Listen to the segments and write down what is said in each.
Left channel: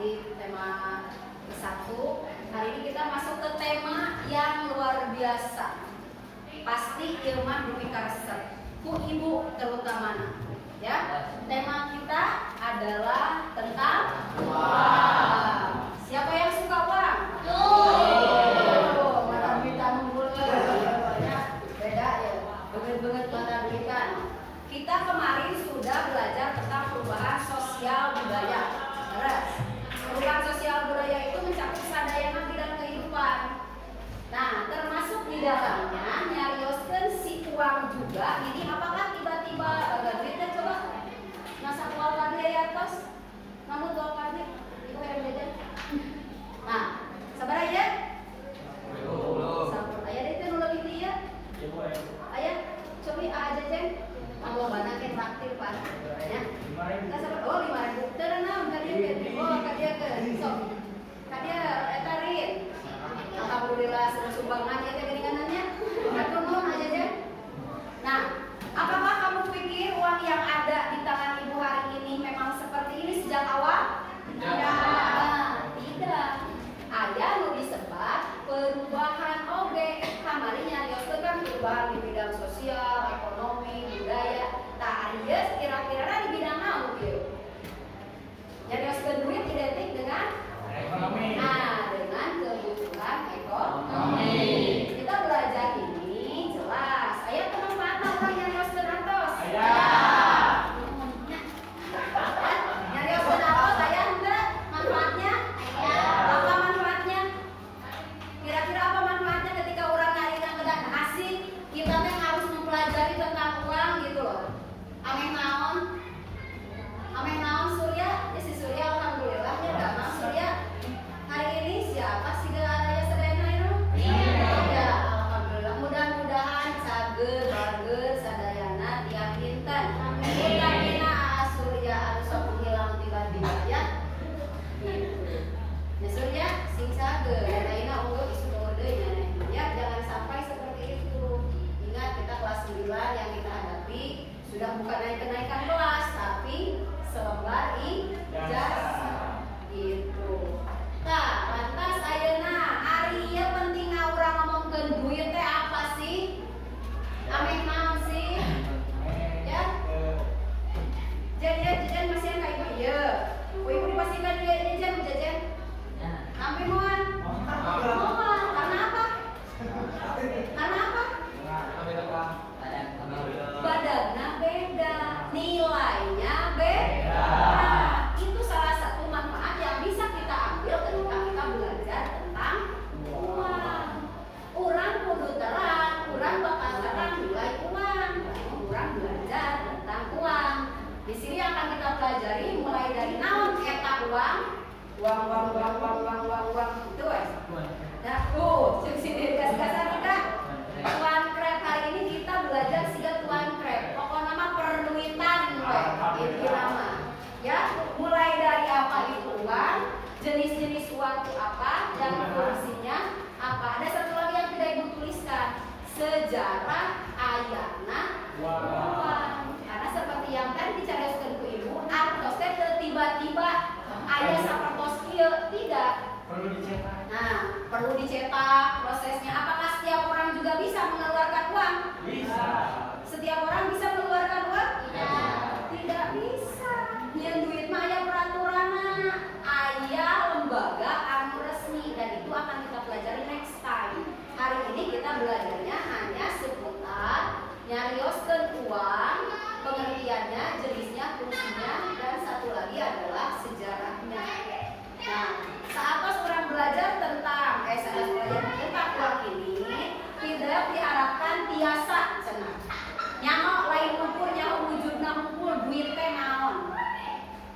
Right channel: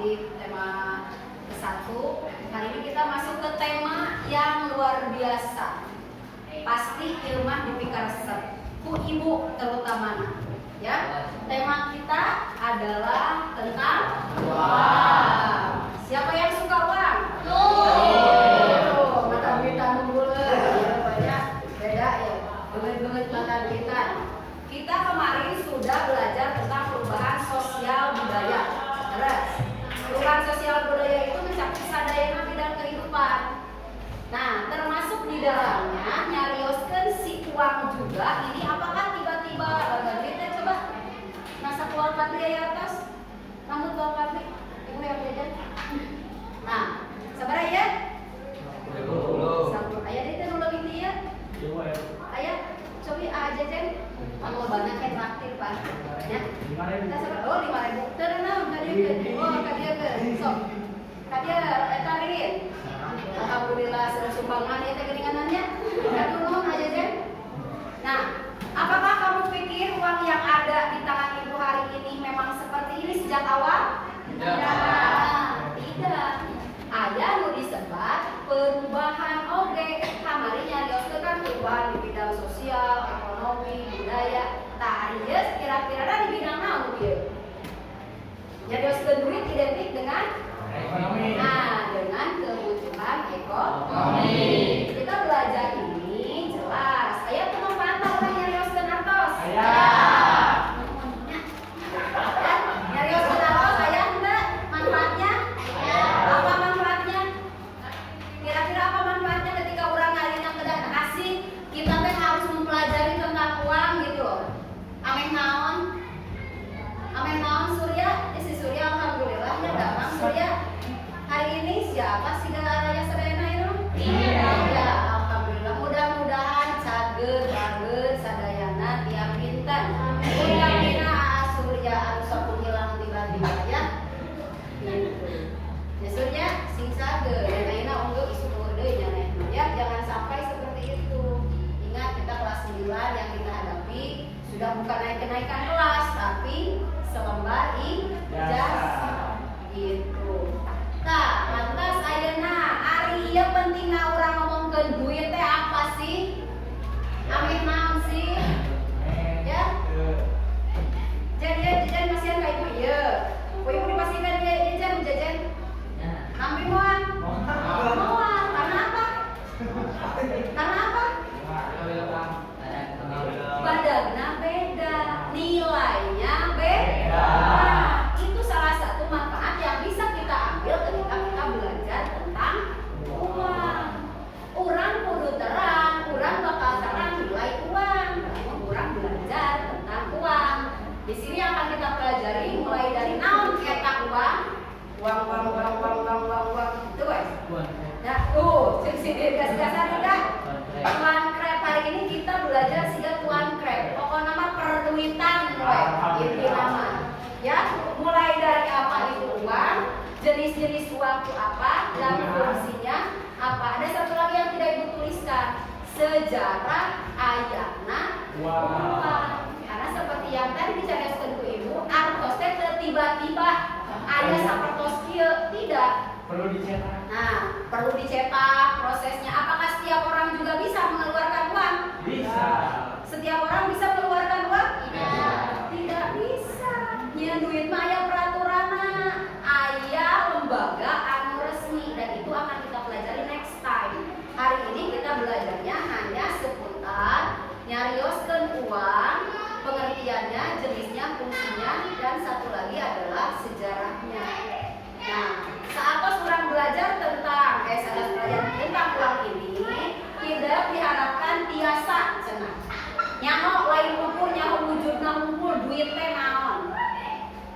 aktif tema ke-1. Hari ini kita masuk ke tema yang luar biasa. Pasti ilmah dipikar ku ibu terutama. Ya, tema kita adalah tentang uang. Siapa yang suka uang? Mata duitan dulu banyak beda ya. Banget mata duitan. Kita kemarin sudah belajar tentang perubahan sosial budaya. Terus, perubahan sosial budaya itu mencakup sadayana bidang kehidupan. Nah, termasuk di dalamnya nyarioskeun si uang juga. Ini apakah tiba-tiba kita coba nasa kual kadri ya atas, namun kual kadri ibu yang jajan. Nah, sabar ya. Sabar ayah itu nulung ini ya. Ayah, coba aja jen. Kalau banyak kan traktir pak. Ya. Kita sabar. Oh 5.000. Terenam tadi. Oh kadia ke. Sok. Kadia etarin. Alhamdulillah sering sumbangan ya teh geninganannya. Nuhun aja jen. Nah, apakah kamu pikir uang yang ada di tangan ibu hari ini memang seperti ini sejak awal? Tidak. Ada nu disebat perubahan oge. Kamari nyarioskeun kan perubahan di bidang sosial, ekonomi, budaya. Tah ieu kira-kira di bidang naon ieu? Nyarioskeun duit identik dengan ekonomi. Nah, dengan kebutuhan ekonomi. Kita belajar ini jelas. Aya pemanfaatan orang nyarioskeun atos? Aya. Nyarioskeun atos aya henteu manfaatnya? Aya. Apa manfaatnya? Kira-kira apa manfaatnya ketika orang harina kedah asing? Kita teh harus mempelajari tentang uang gitu loh. Ameh naon? Ameh naon Surya? Si Surya alhamdulillah ya damang Surya. Hari ini siapa sih raya sedayana itu? Iya. Alhamdulillah. Mudah-mudahan cager bager sadayana tiap pinten. Mudah-mudahan Surya anu sok hilang tiba-tiba ya. Gitu. Ya Surya sing cager. Ya ayeuna unggul isu deui nya ya. Jangan sampai seperti itu. Ingat kita kelas 9 yang kita hadapi sudah bukan kenaikan kelas tapi selembar ijazah. Gitu. Nah, lantas ayeuna ari ieu pentingna urang ngomongkeun duit teh apa sih? Ameh naon sih? Ya. Jajan masih ka ibu ieu. Ibu dipastikan jajan jajan. Ameh moal. Moal. Karena apa? Karena apa? Badagna beda, nilainya beda. Itu salah satu manfaat yang bisa kita ambil ketika kita belajar tentang uang. Urang kudu terang, urang bakal terang nilai uang. Karena urang belajar tentang uang. Di sini akan kita pelajari mulai dari naon eta uang. Uang. Itu wes. Nah, tuh, sini gas-gasan udah. Tuan krep hari ini kita belajar siga tuan krep. Pokoknya mah perduitan we, itu nama. Ya, mulai dari apa itu uang, jenis-jenis uang itu apa, dan fungsinya apa. Ada satu lagi yang tidak ibu tuliskan, sejarah ayana uang. Karena seperti yang tadi dicarioskeun ku ibu, artos teh tiba-tiba aya sapertos kieu, tidak. Perlu dicetak. Nah, perlu dicetak prosesnya. Apakah setiap orang juga bisa mengeluarkan uang? Bisa. Setiap orang bisa mengeluarkan uang? Iya. Tidak bisa. Nyeun duit mah aya peraturana, aya lembaga anu resmi dan itu akan kita pelajari next time. Hari ini kita belajarnya hanya seputar nyarioskeun uang, pengertiannya, jenisnya, fungsinya, dan satu lagi adalah sejarahnya. Nah, saat orang belajar tentang tentang uang ini tidak diharapkan tiasa cenah. Nyaho lain ukur nyaho wujudna ukur duit teh naon.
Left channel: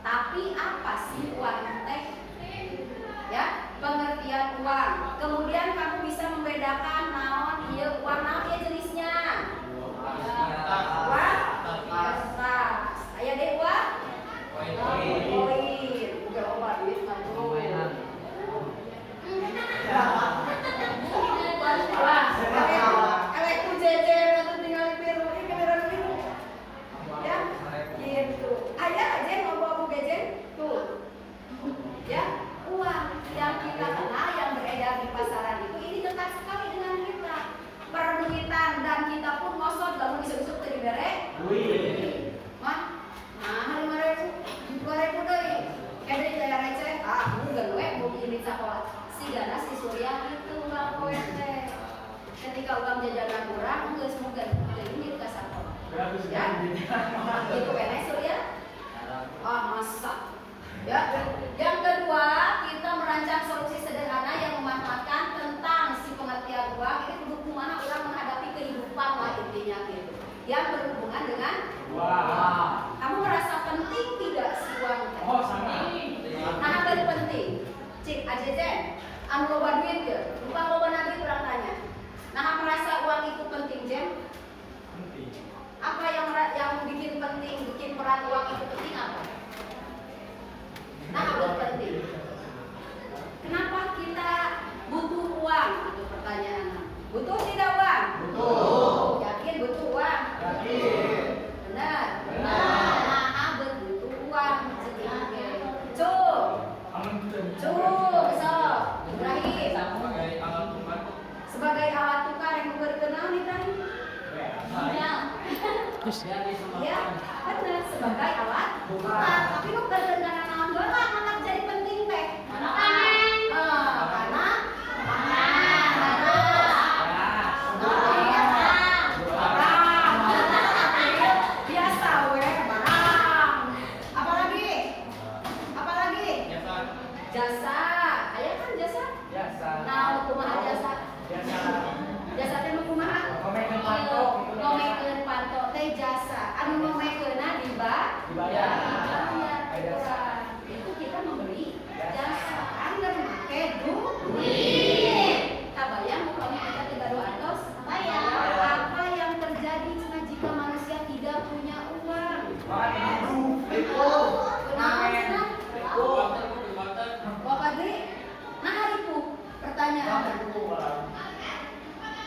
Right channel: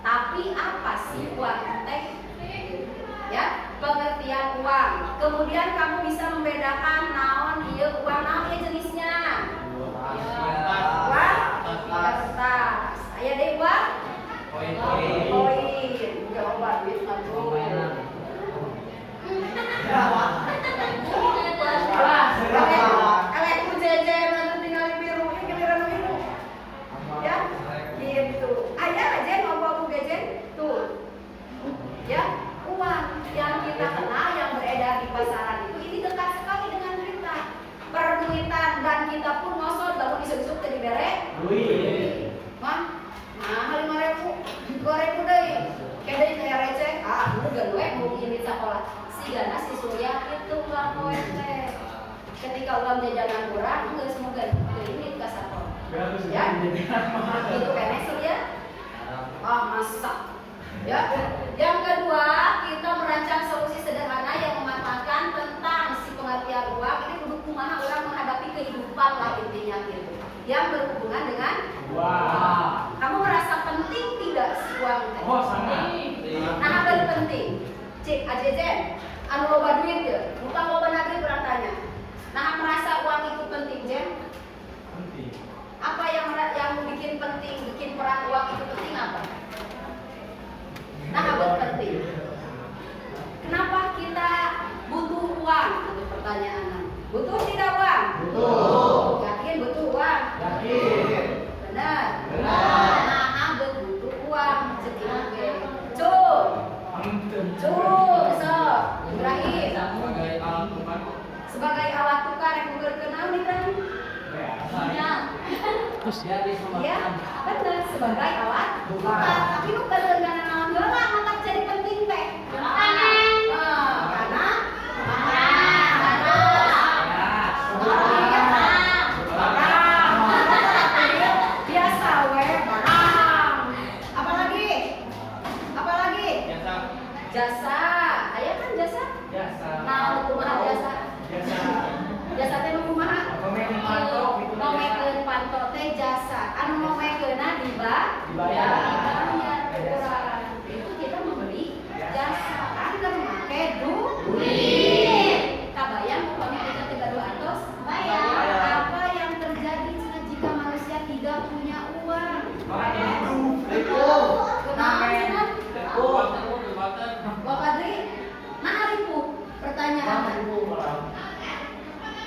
Tapi apa sih uang teh? Ya, pengertian uang. Kemudian kamu bisa membedakan naon ieu uang naon ieu jenisnya. Uang kertas. Aya deui uang koin. Jawaban duit ngabul. Elek ku jejer nanti tinggal biru ini keberan biru. Ya, gitu. Aya aja ngomong aku gejen tuh. Ya, dagang jajanan kurang geus mungkin ini ka sapor. Ya. Itu kene ya. Masak. Ya. Yang kedua, kita merancang solusi sederhana yang memanfaatkan tentang si pengertian uang. Ini kudu kumaha orang menghadapi kehidupan lah intinya gitu. Yang berhubungan dengan uang. Kamu merasa penting tidak si uang? Oh, sangat. Nah, apa yang penting? Cik, ajejen, anu loba duit ya, lupa loba duit orang tanya. Nah, merasa uang itu penting, Jen? Penting. Apa yang bikin penting, bikin peran uang itu penting apa? Nah, apa penting? Kenapa kita butuh uang? Itu pertanyaan. Butuh tidak uang? Butuh. Yakin butuh uang? Yakin. Benar. Benar. Nah, butuh uang. Cuk. So, Ibrahim. Sebagai alat tukar yang berkenal nih kan? Iya. Ya, benar sebagai alat tukar. Tapi lu berkenal naon heula mantap jadi penting teh. Karena biasa we barang. Apalagi? Jasa. Aya kan jasa? Nah, kumaha jasa? Jasa teh kumaha? Ngomekeun panto teh jasa. Anu ngomekeunna dibayar. Itu kita membeli jasa. Anu make duit. Kabayang umpama kita teh gaduh atos? Bayar. Apa yang terjadi jika manusia tidak punya uang? Bapak Dri, nah ribu pertanyaan.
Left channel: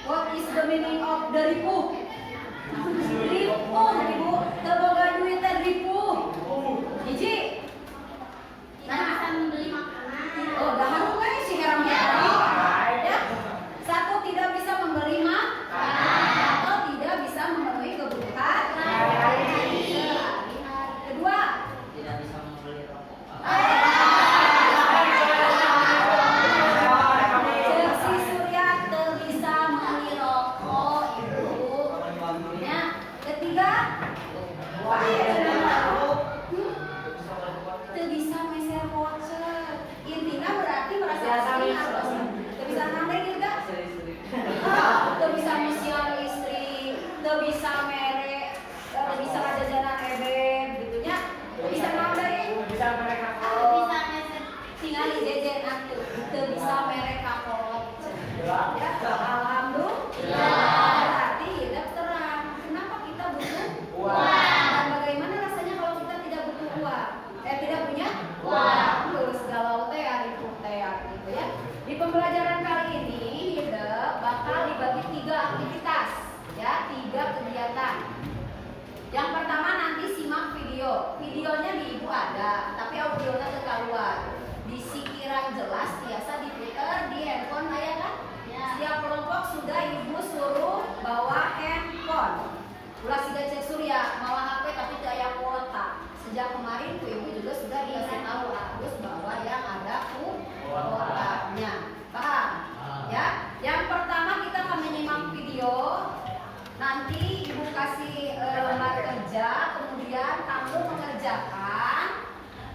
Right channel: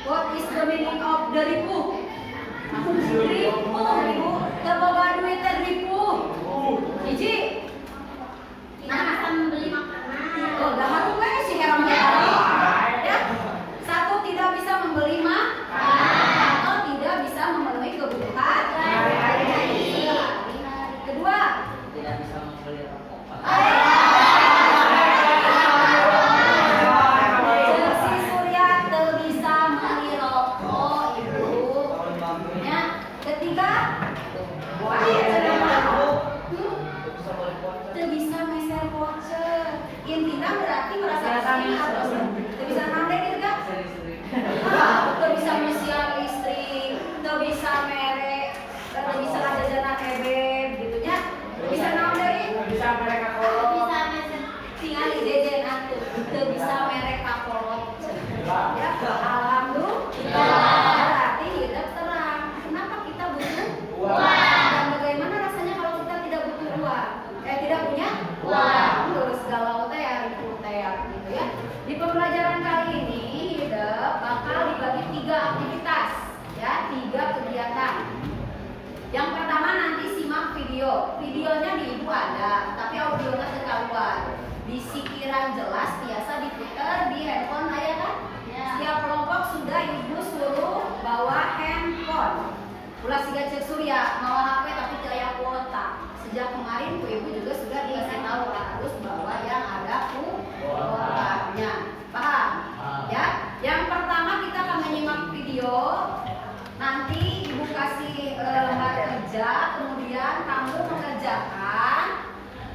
What is the meaning of the ribu? Ribu, terbawa duit teh ribu. Hiji. Nah, akan beli makanan. Oh, dahar we sih karang ya. Satu, tidak bisa membeli makanan atau tidak bisa memenuhi kebutuhan sehari-hari. Kedua, tidak bisa membeli rokok. Si Surya teu bisa meuli rokok ibu. Ya, ketiga, teu bisa meser voucher. Intina berarti merasa penting atau teu bisa nande gitu kan? Teu bisa mesian listrik, teu bisa merek, teu bisa jajanan ebeb gitu nya. Teu bisa nande. Bisa mereka Bisa meser tingali jejen atuh, teu bisa merek kakolot. Ya, alhamdulillah. Berarti hidup terang. Kenapa kita butuh uang? Dan bagaimana rasanya kalau kita tidak butuh uang? Tidak punya uang. Terus galau teh ya, ribu teh ya, gitu ya. Di pembelajaran kali ini hidup bakal dibagi 3 aktivitas, ya, 3 kegiatan. Yang pertama nanti simak video. Videonya di ibu ada, tapi audionya terkeluar. Di sikiran jelas biasa diputar di handphone saya kan? Setiap kelompok sudah ibu suruh bawa handphone. Ulah siga cek Surya bawa HP tapi daya kuota. Sejak kemarin ibu juga sudah dikasih tahu harus bawa yang ada kuotanya. Paham? Ya. Yang pertama kita akan menyimak video. Nanti ibu kasih lembar kerja, kemudian kamu mengerjakan.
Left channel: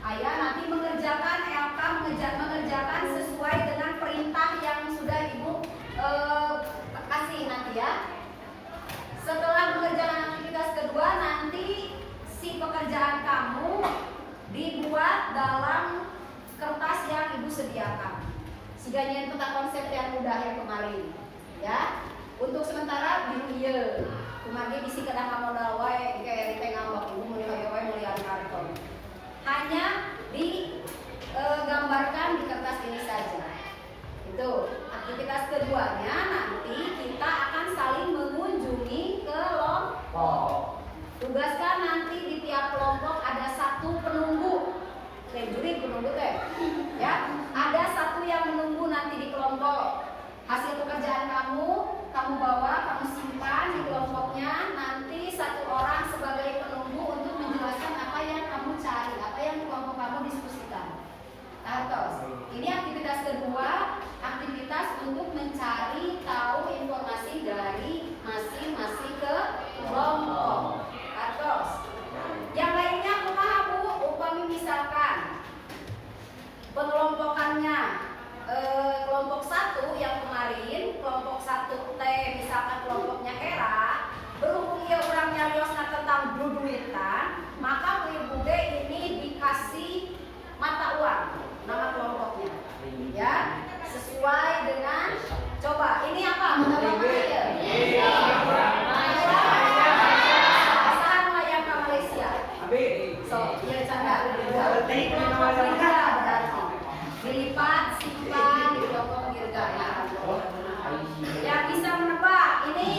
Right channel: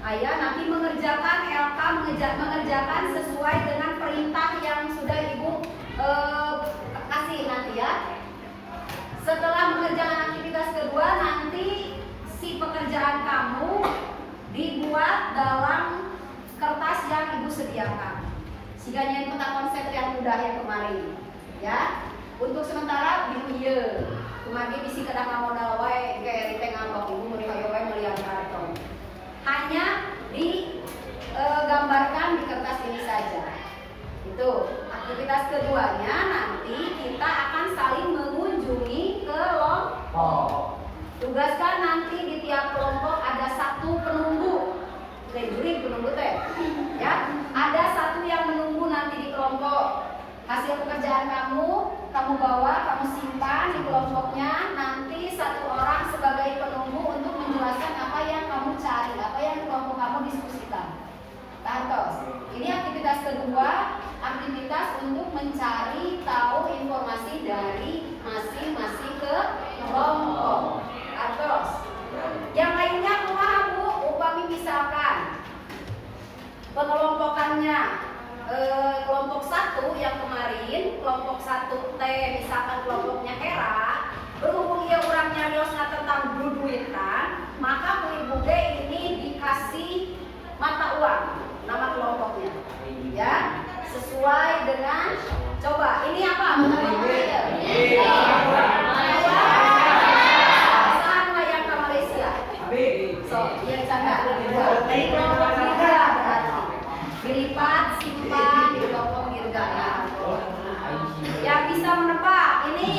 Ayah nanti mengerjakan, LK mengerjakan sesuai dengan perintah yang sudah ibu kasih nanti ya. Setelah mengerjakan aktivitas kedua, nanti si pekerjaan kamu dibuat dalam kertas yang ibu sediakan. Sehingga nyen tentang konsep yang mudah yang kemarin, ya. Untuk sementara biru ieu, kumagi bisi kedah modal wae kayak teh ngamok ibu meuli hoyo wae meuli anu karton. Hanya digambarkan di kertas ini saja. Itu aktivitas keduanya nanti kita akan saling mengunjungi kelompok. Tugaskan nanti di tiap kelompok ada 1 penunggu. Juri penunggu teh. Ya, ada 1 yang menunggu nanti di kelompok. Hasil pekerjaan kamu bawa, kamu simpan di kelompoknya. Nanti 1 orang sebagai penunggu untuk menjelaskan apa yang kamu cari, apa yang kelompok kamu diskusikan. Tantos. Ini aktivitas kedua, aktivitas untuk mencari tahu informasi dari pengelompokannya. Kelompok 1 yang kemarin, kelompok 1 T misalkan kelompoknya Hera, berhubung ia orang nyariosna tentang duduitan, maka ibu D ini dikasih mata uang nama kelompoknya, ya sesuai dengan. Coba ini apa mata uangnya? Saat layak ke Malaysia. So, iya canda. Dari kelompok Dirga berarti dilipat simpan di kelompok Dirga ya. Yang bisa menebak ini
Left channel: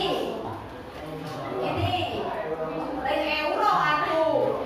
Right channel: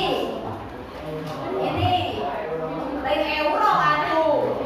lain euro aduh.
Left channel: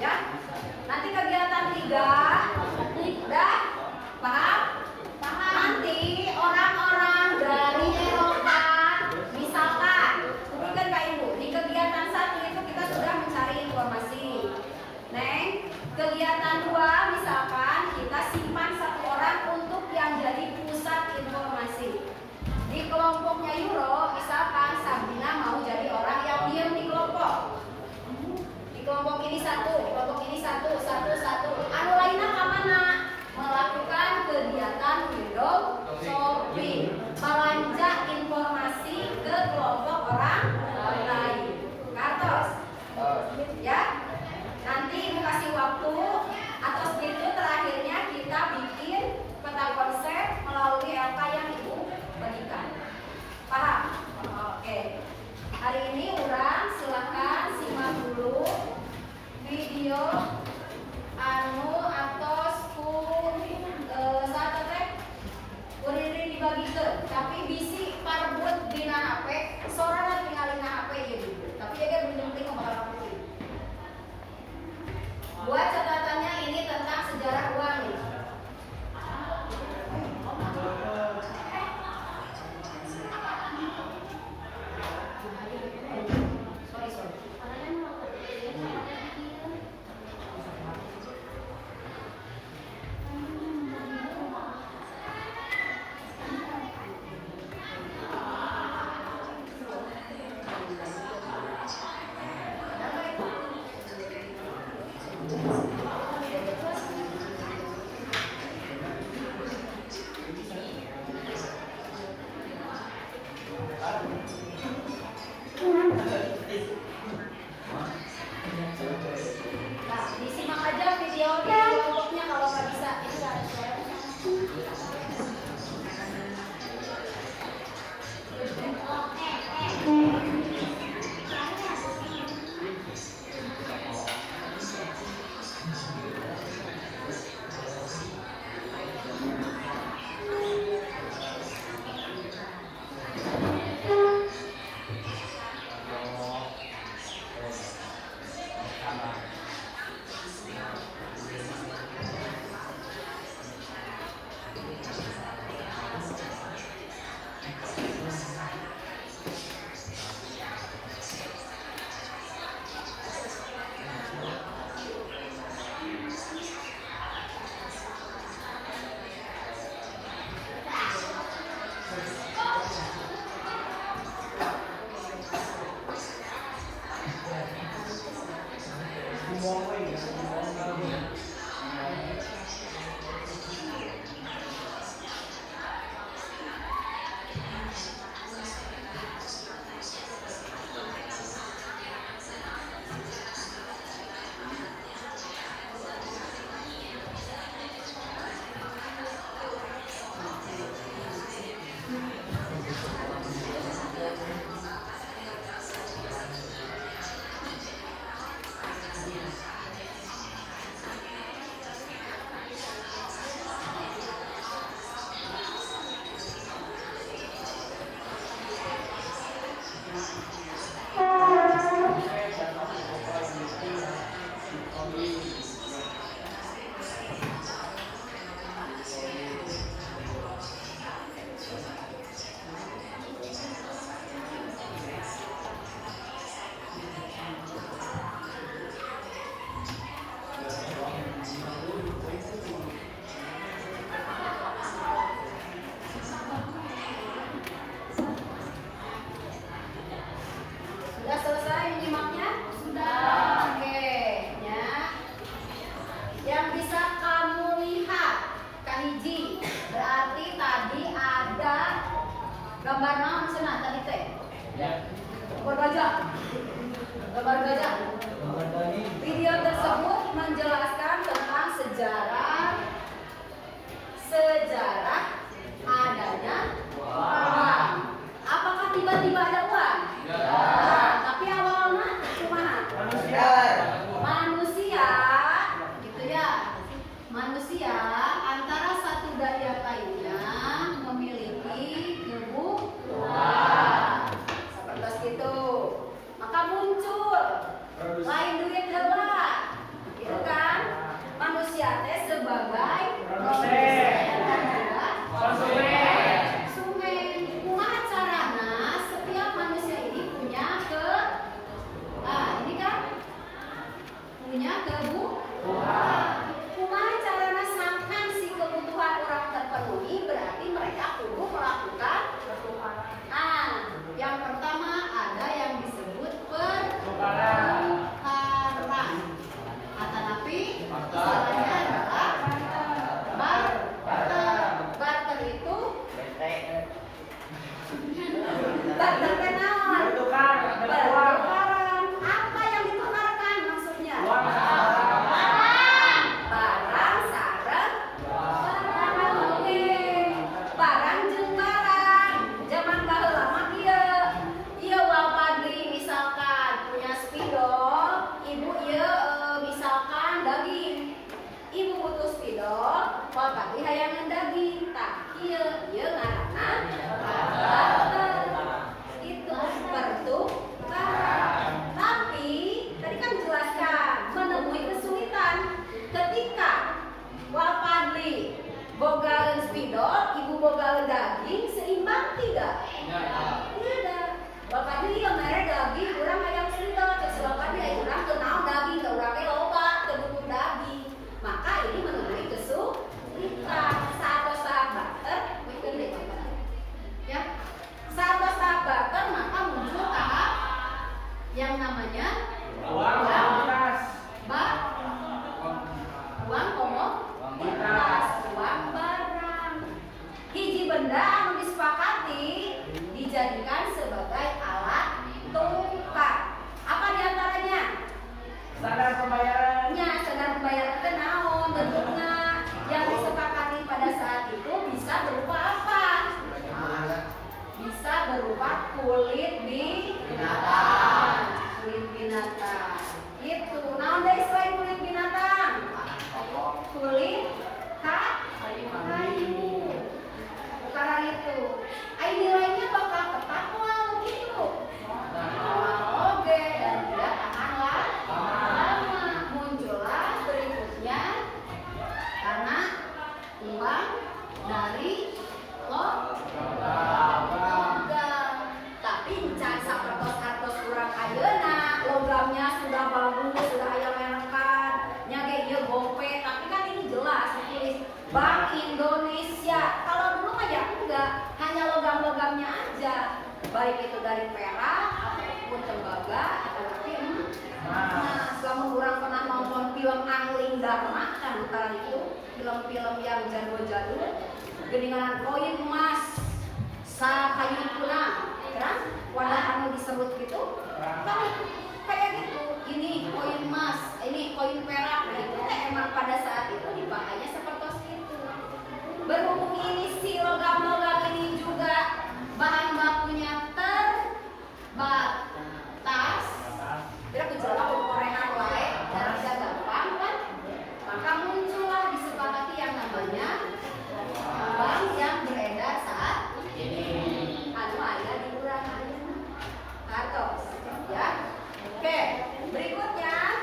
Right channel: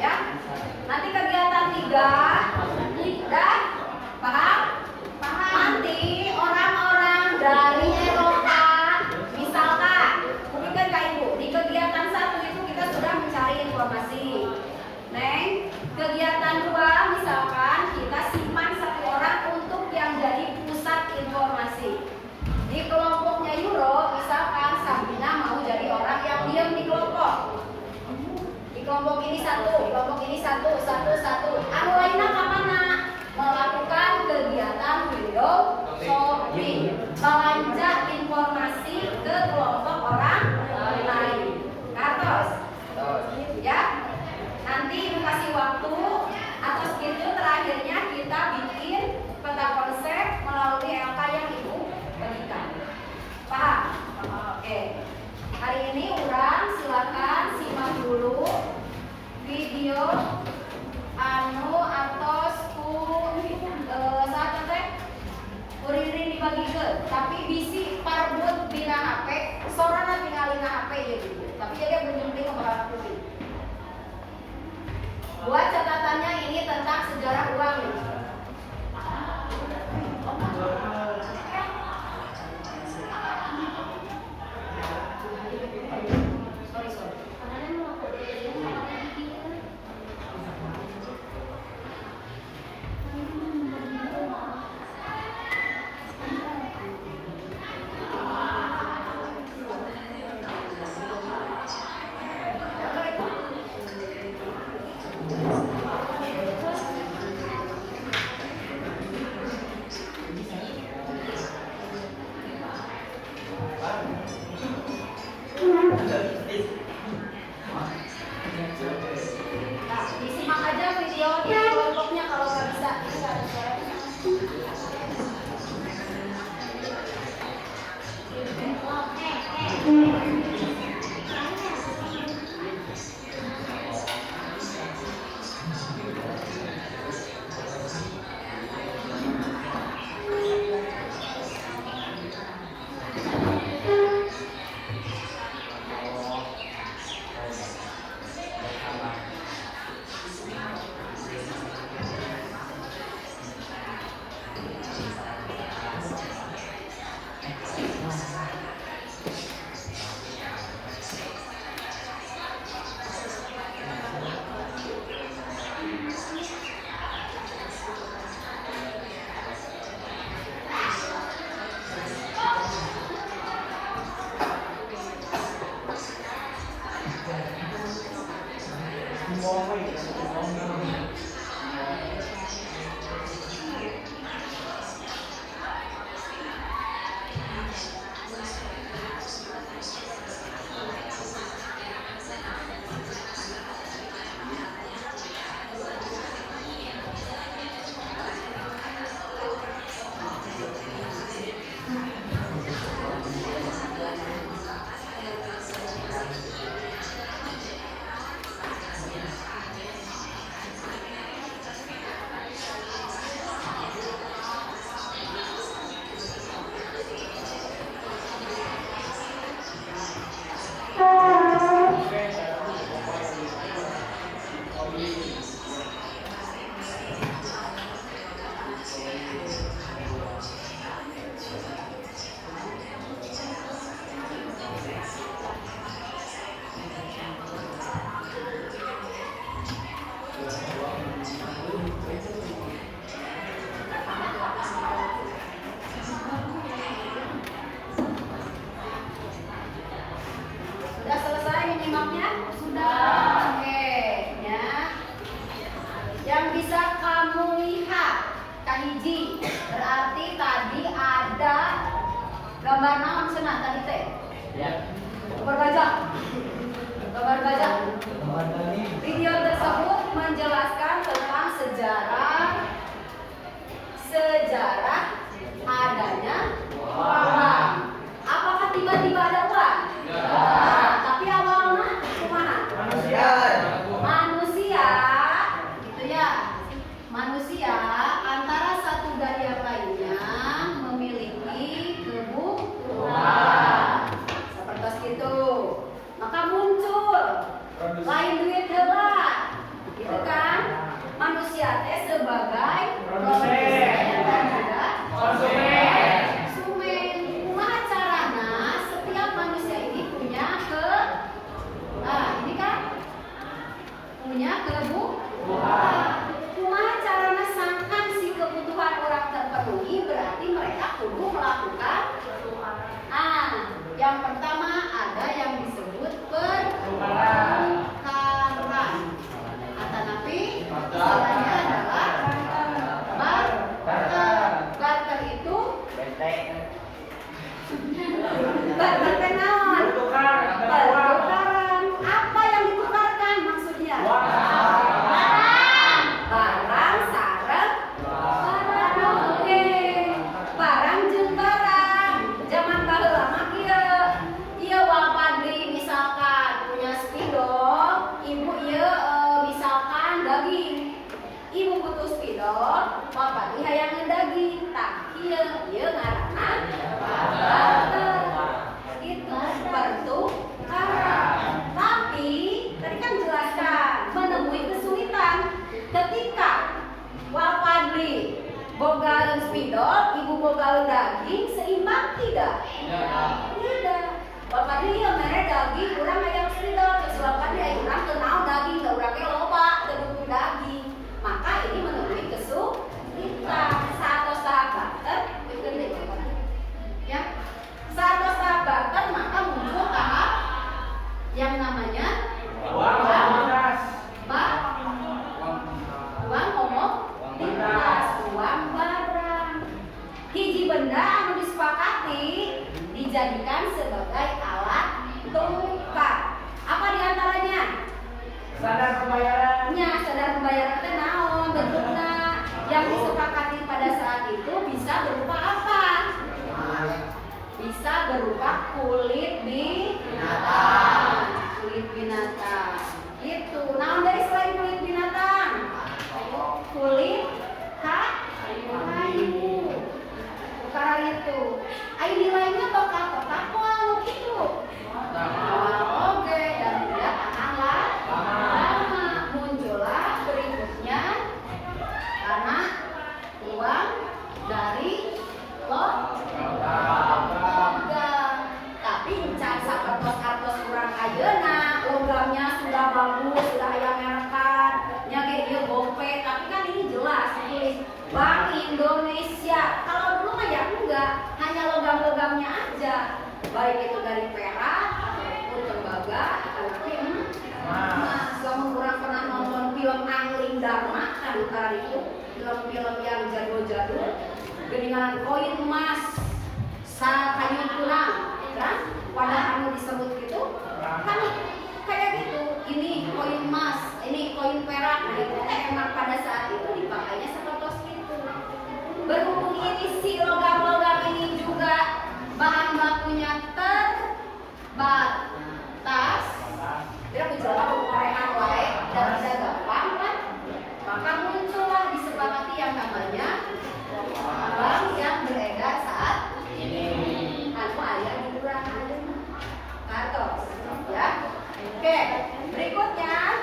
Ya, nanti kegiatan 3 dan paham? Nanti orang-orang dari Eropa, misalkan, mungkin Kak Ibu, di kegiatan 1 itu kita sudah mencari informasi. Neng, kegiatan 2 misalkan kita simpan 1 orang untuk yang jadi pusat informasi. Di kelompoknya Euro, misalkan Sabrina mau jadi orang yang diam di kelompok. Kelompok ini satu. Anu lainnya kemana? Melakukan kegiatan window shopping, belanja informasi ke kelompok orang lain. Kartos, ya. Nanti dikasih waktu atau itu terakhirnya kita bikin peta konsep melalui apa yang Ibu berikan. Paham? Oke. Hari ini urang silakan simak dulu video atos saat teh uririn dibagikeun tapi bisi parbut dina HP sorana tinggalin HP ieu gitu. Tapi dia belum penting bakal pilih. Buat catatannya ini tentang sejarah uang nih. Gambar naon cenah tadi teh? Ya. Gambar gajah. Gambar gajah. Video tersebut menjelaskan tentang sejarah adanya uang. Apakah tiba-tiba ada uang? Nah, tapi awalnya kumaha? Manusia, gitu ya. Manusia antara satu dan yang lainnya memiliki kebutuhan. Seperti itu. Maka muncul lain duit heula. Gitu kan? Manusia teh sebagai produsen dan juga konsumen. Kumaha carana setiap manusia ini punya ini kan punya kebutuhan. Kumaha carana sangkan si kebutuhan orang terpenuhi, berarti mereka kudu melakukan yang pertama ada yang disebut pertukaran. Atanapi istilahnya adalah barter itu barter kenaon? Pertukaran. Apa yang ditukarkan maksudnya? Barang sareng barang. Oke. Barang jeung barang. Zaman baheula mah ieu Walpadri misalkan punya spidol, ibu ieu misalkan daging. Ibu butuh spidol, Walpadri hayangan daging. Tah ieu ngaranna barter. Itu pertukaran. Tapi tadi kan jelaskan menemui kesulitan ketika Walpadri bogaeun spidol, ibu bogaeun daging, seimbang tidak? Tidak. Walpadri ieu mere daging, urang aya spidol, terus Walpadri aya urang teu naon daging, teu urang ge loba teu butuh daging. Maka ini menemui kesulitan. Saat tahap barter, ya. Saat tahap barter maka muncul tahap yang namanya uang komoditas, uang barang. Hiji benda anu disepakati dijadikan sebagai alat tukar. Apa diantaranya? Sadar pembayaran. Sadar pembayaran teh naon bentukna? Yang disepakati pada saat itu bisa berupa apa? Bisa berupa kulit binatang. Kulit binatang. Gitu. Naon deui selain kulit binatang? Kulit kayu. Karena itu, ai nilainya bakal tetap anu kitu. Oke, dan tidak akan lama. Muncullah berikutnya karena uang dari logam. Tapi can sapertos kurang ayeuna, logamnya sudah bagus, sudah aya merekan, nya ge ieu gope, tapi kan ini jelas ditulis Bank Indonesia. Kalau dulu mah ya enggak, hanya logam-logamnya aja. Baik itu dari perak ataupun tembaga ataupun emas. Kamu kurang pernah nonton film Angling Dharma kan utara itu, film-film yang jadul-jadul. Geningan koin emas, kayu tulang, kan? Wadah anu disebut gitu, kan kayak gitu. Ini koin emas, ini koin perak. Nah itu emang pada saat itu dipakainya seperti itu. Berhubung ini si logam-logam ini juga bahan bakunya terbatas, tidak bicara pengorehan wae dan tidak gampang kan? Maka muncullah disepakati yang namanya uang yang beredar saat ini. Anu aya di urang ayeuna. Kartos, ya. Oke, berikutnya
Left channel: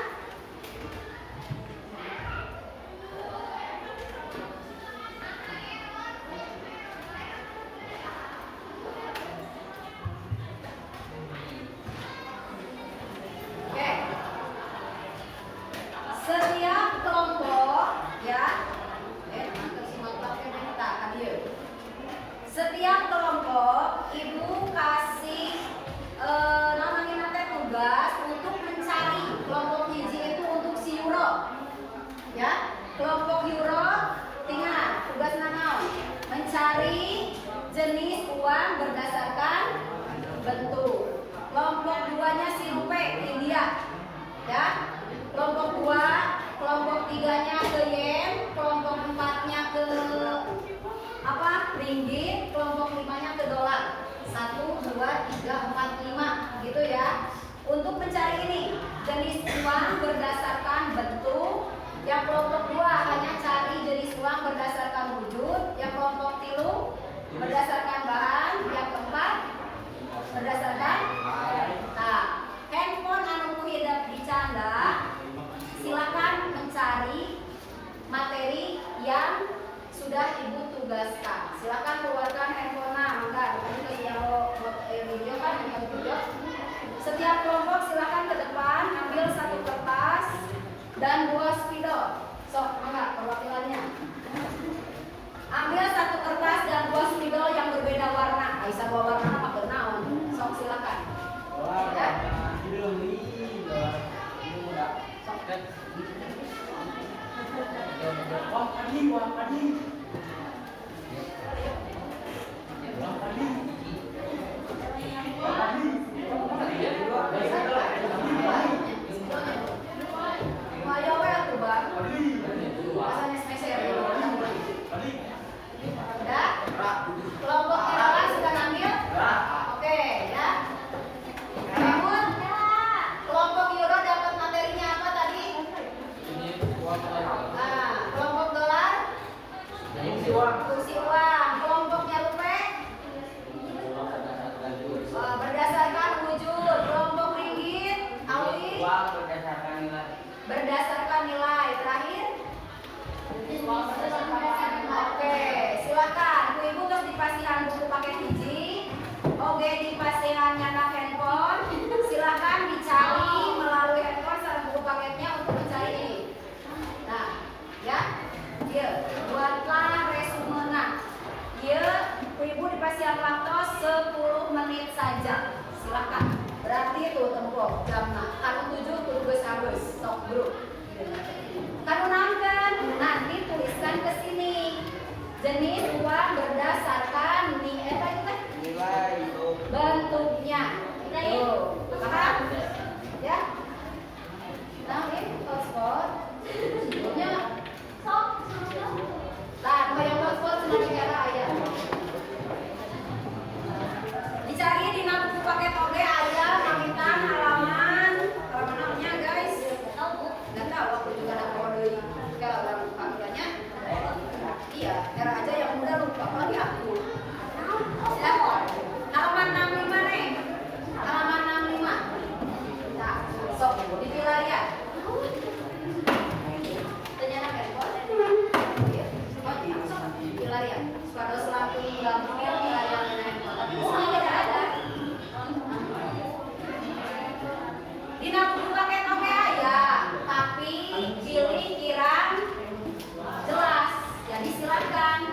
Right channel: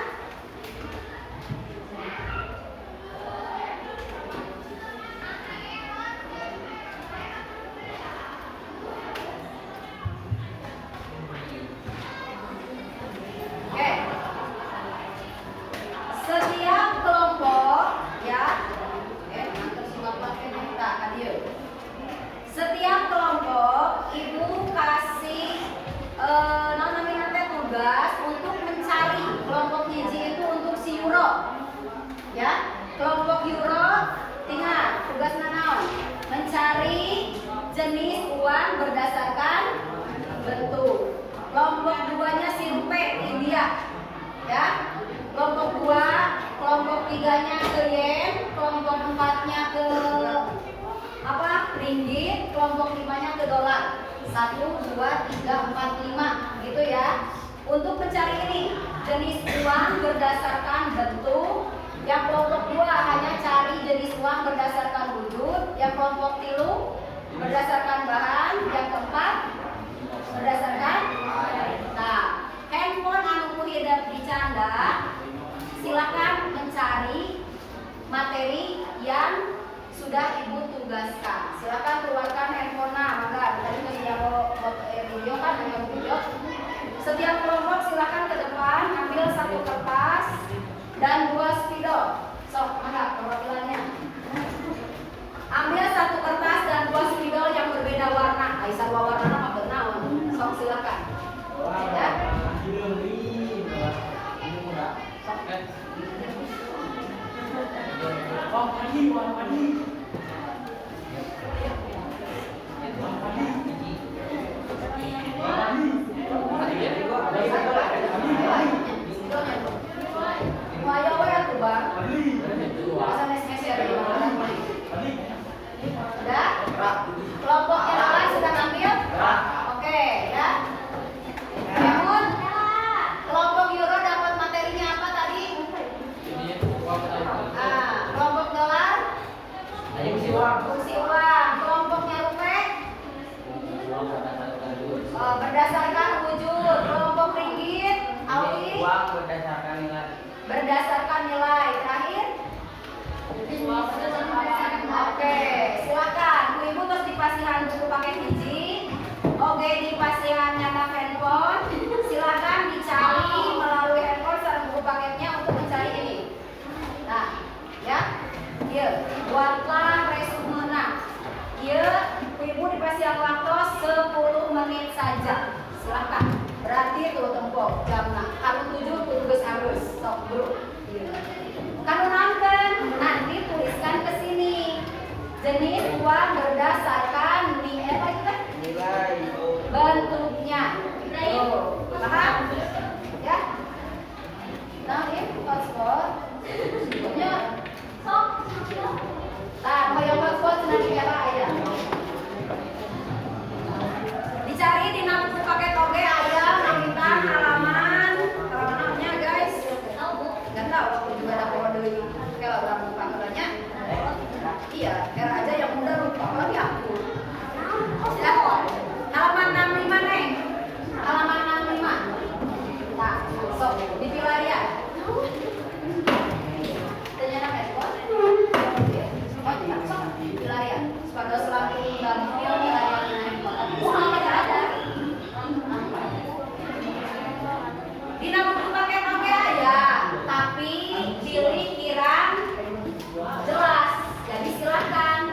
setiap kelompok ya setiap kelompok ibu kasih namanya tugas untuk mencari kelompok hiji itu untuk si euro ya. Kelompok euro tinggal tugas naon mencari jenis uang berdasarkan bentuk. Kelompok 2-nya simpe India. Ya. Kelompok 2, kelompok 3-nya ke yen, kelompok 4-nya ke apa? Ringgit, kelompok 5-nya ke dolar. 1, 2, 3, 4, 5 gitu ya. Untuk mencari ini jenis uang berdasarkan bentuk. Yang kelompok 2 hanya cari jenis uang berdasarkan wujud. Yang kelompok 3 berdasarkan bahan. Yang keempat berdasarkan. Nah, handphone anu hidup dicanda. Silakan mencari materi yang sudah ibu tugaskan. Silakan keluarkan handphone mangga. Tadi masih yang video kan yang video. Setiap kelompok silakan ke depan ambil 1 kertas dan 2 spidol. Sok, mangga perwakilannya. Ambil 1 kertas dan 2 spidol yang berbeda warna. Aisyah 2 warna apa bernaon? Sok silakan. Ya. Kelompok kenalan sudah ambil? Oke, ya. Namun, kelompok euro dapat materinya apa tadi? Kelompok dolar? Fungsi uang. Kelompoknya rupiah? Berdasarkan wujud. Kelompok ringgit? Awi? Uang berdasarkan nilai. Berdasarkan nilai. Terakhir? Oke, silakan. Bu Ibu terus dipasihan buku paket hiji. Oke, dipasihan nyata handphone. Silakan dicari melalui handphone sareng buku paketnya untuk mencari ini. Nah, ya. Ieu, buatlah resumena. Ieu, Bu Ibu dipasihan waktu 10 menit saja. Silakan. Berarti tuh tempo jamna. Kalau 7 kudu geus alus. Sok dulu. Kalau nanti tuliskan ke sini jenis uang berdasarkan nilai bentuknya. Tuh, paham? Ya? Nah, ini hotspot. Sebelumnya mau yang hotspot senang dikira aja. Dicari di buku paket oge aja, namitan halaman namanya guys. Nggak tahu aku juga ada kode kalau orang lupa katanya. Iya, biar aja yang muda lupa apalagi aku. Ya, halaman 65 Neng. Halaman 65. Nah, sok dipilah ya. Ternyata handphone. Oh iya, sok dipilah ya. Pada selalu gampil pelajaran handphone. Semua tidak ada. Di buku paket oke aja, tapi pilih kirang jelas. Jadi silakan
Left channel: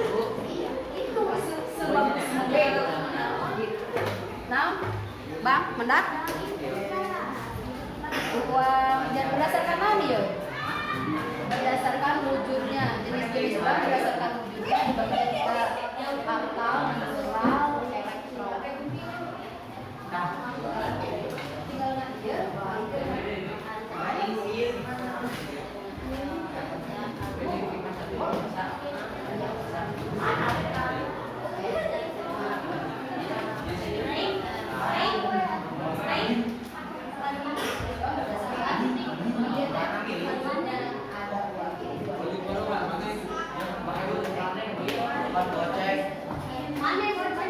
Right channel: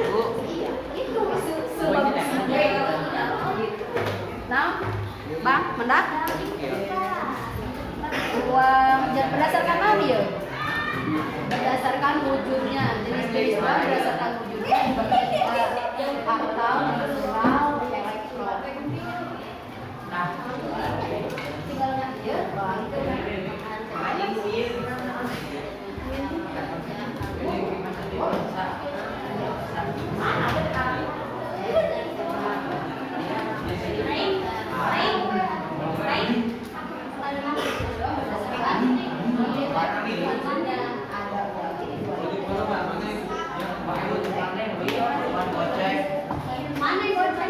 Bu. Itu sebagusnya. Nah, bang, mendak? Uang dan berdasarkan apa ya? Berdasarkan wujudnya, jenis-jenis uang berdasarkan wujudnya dibagi kita kartal, mineral, elektro. Tinggal aja. Mana yang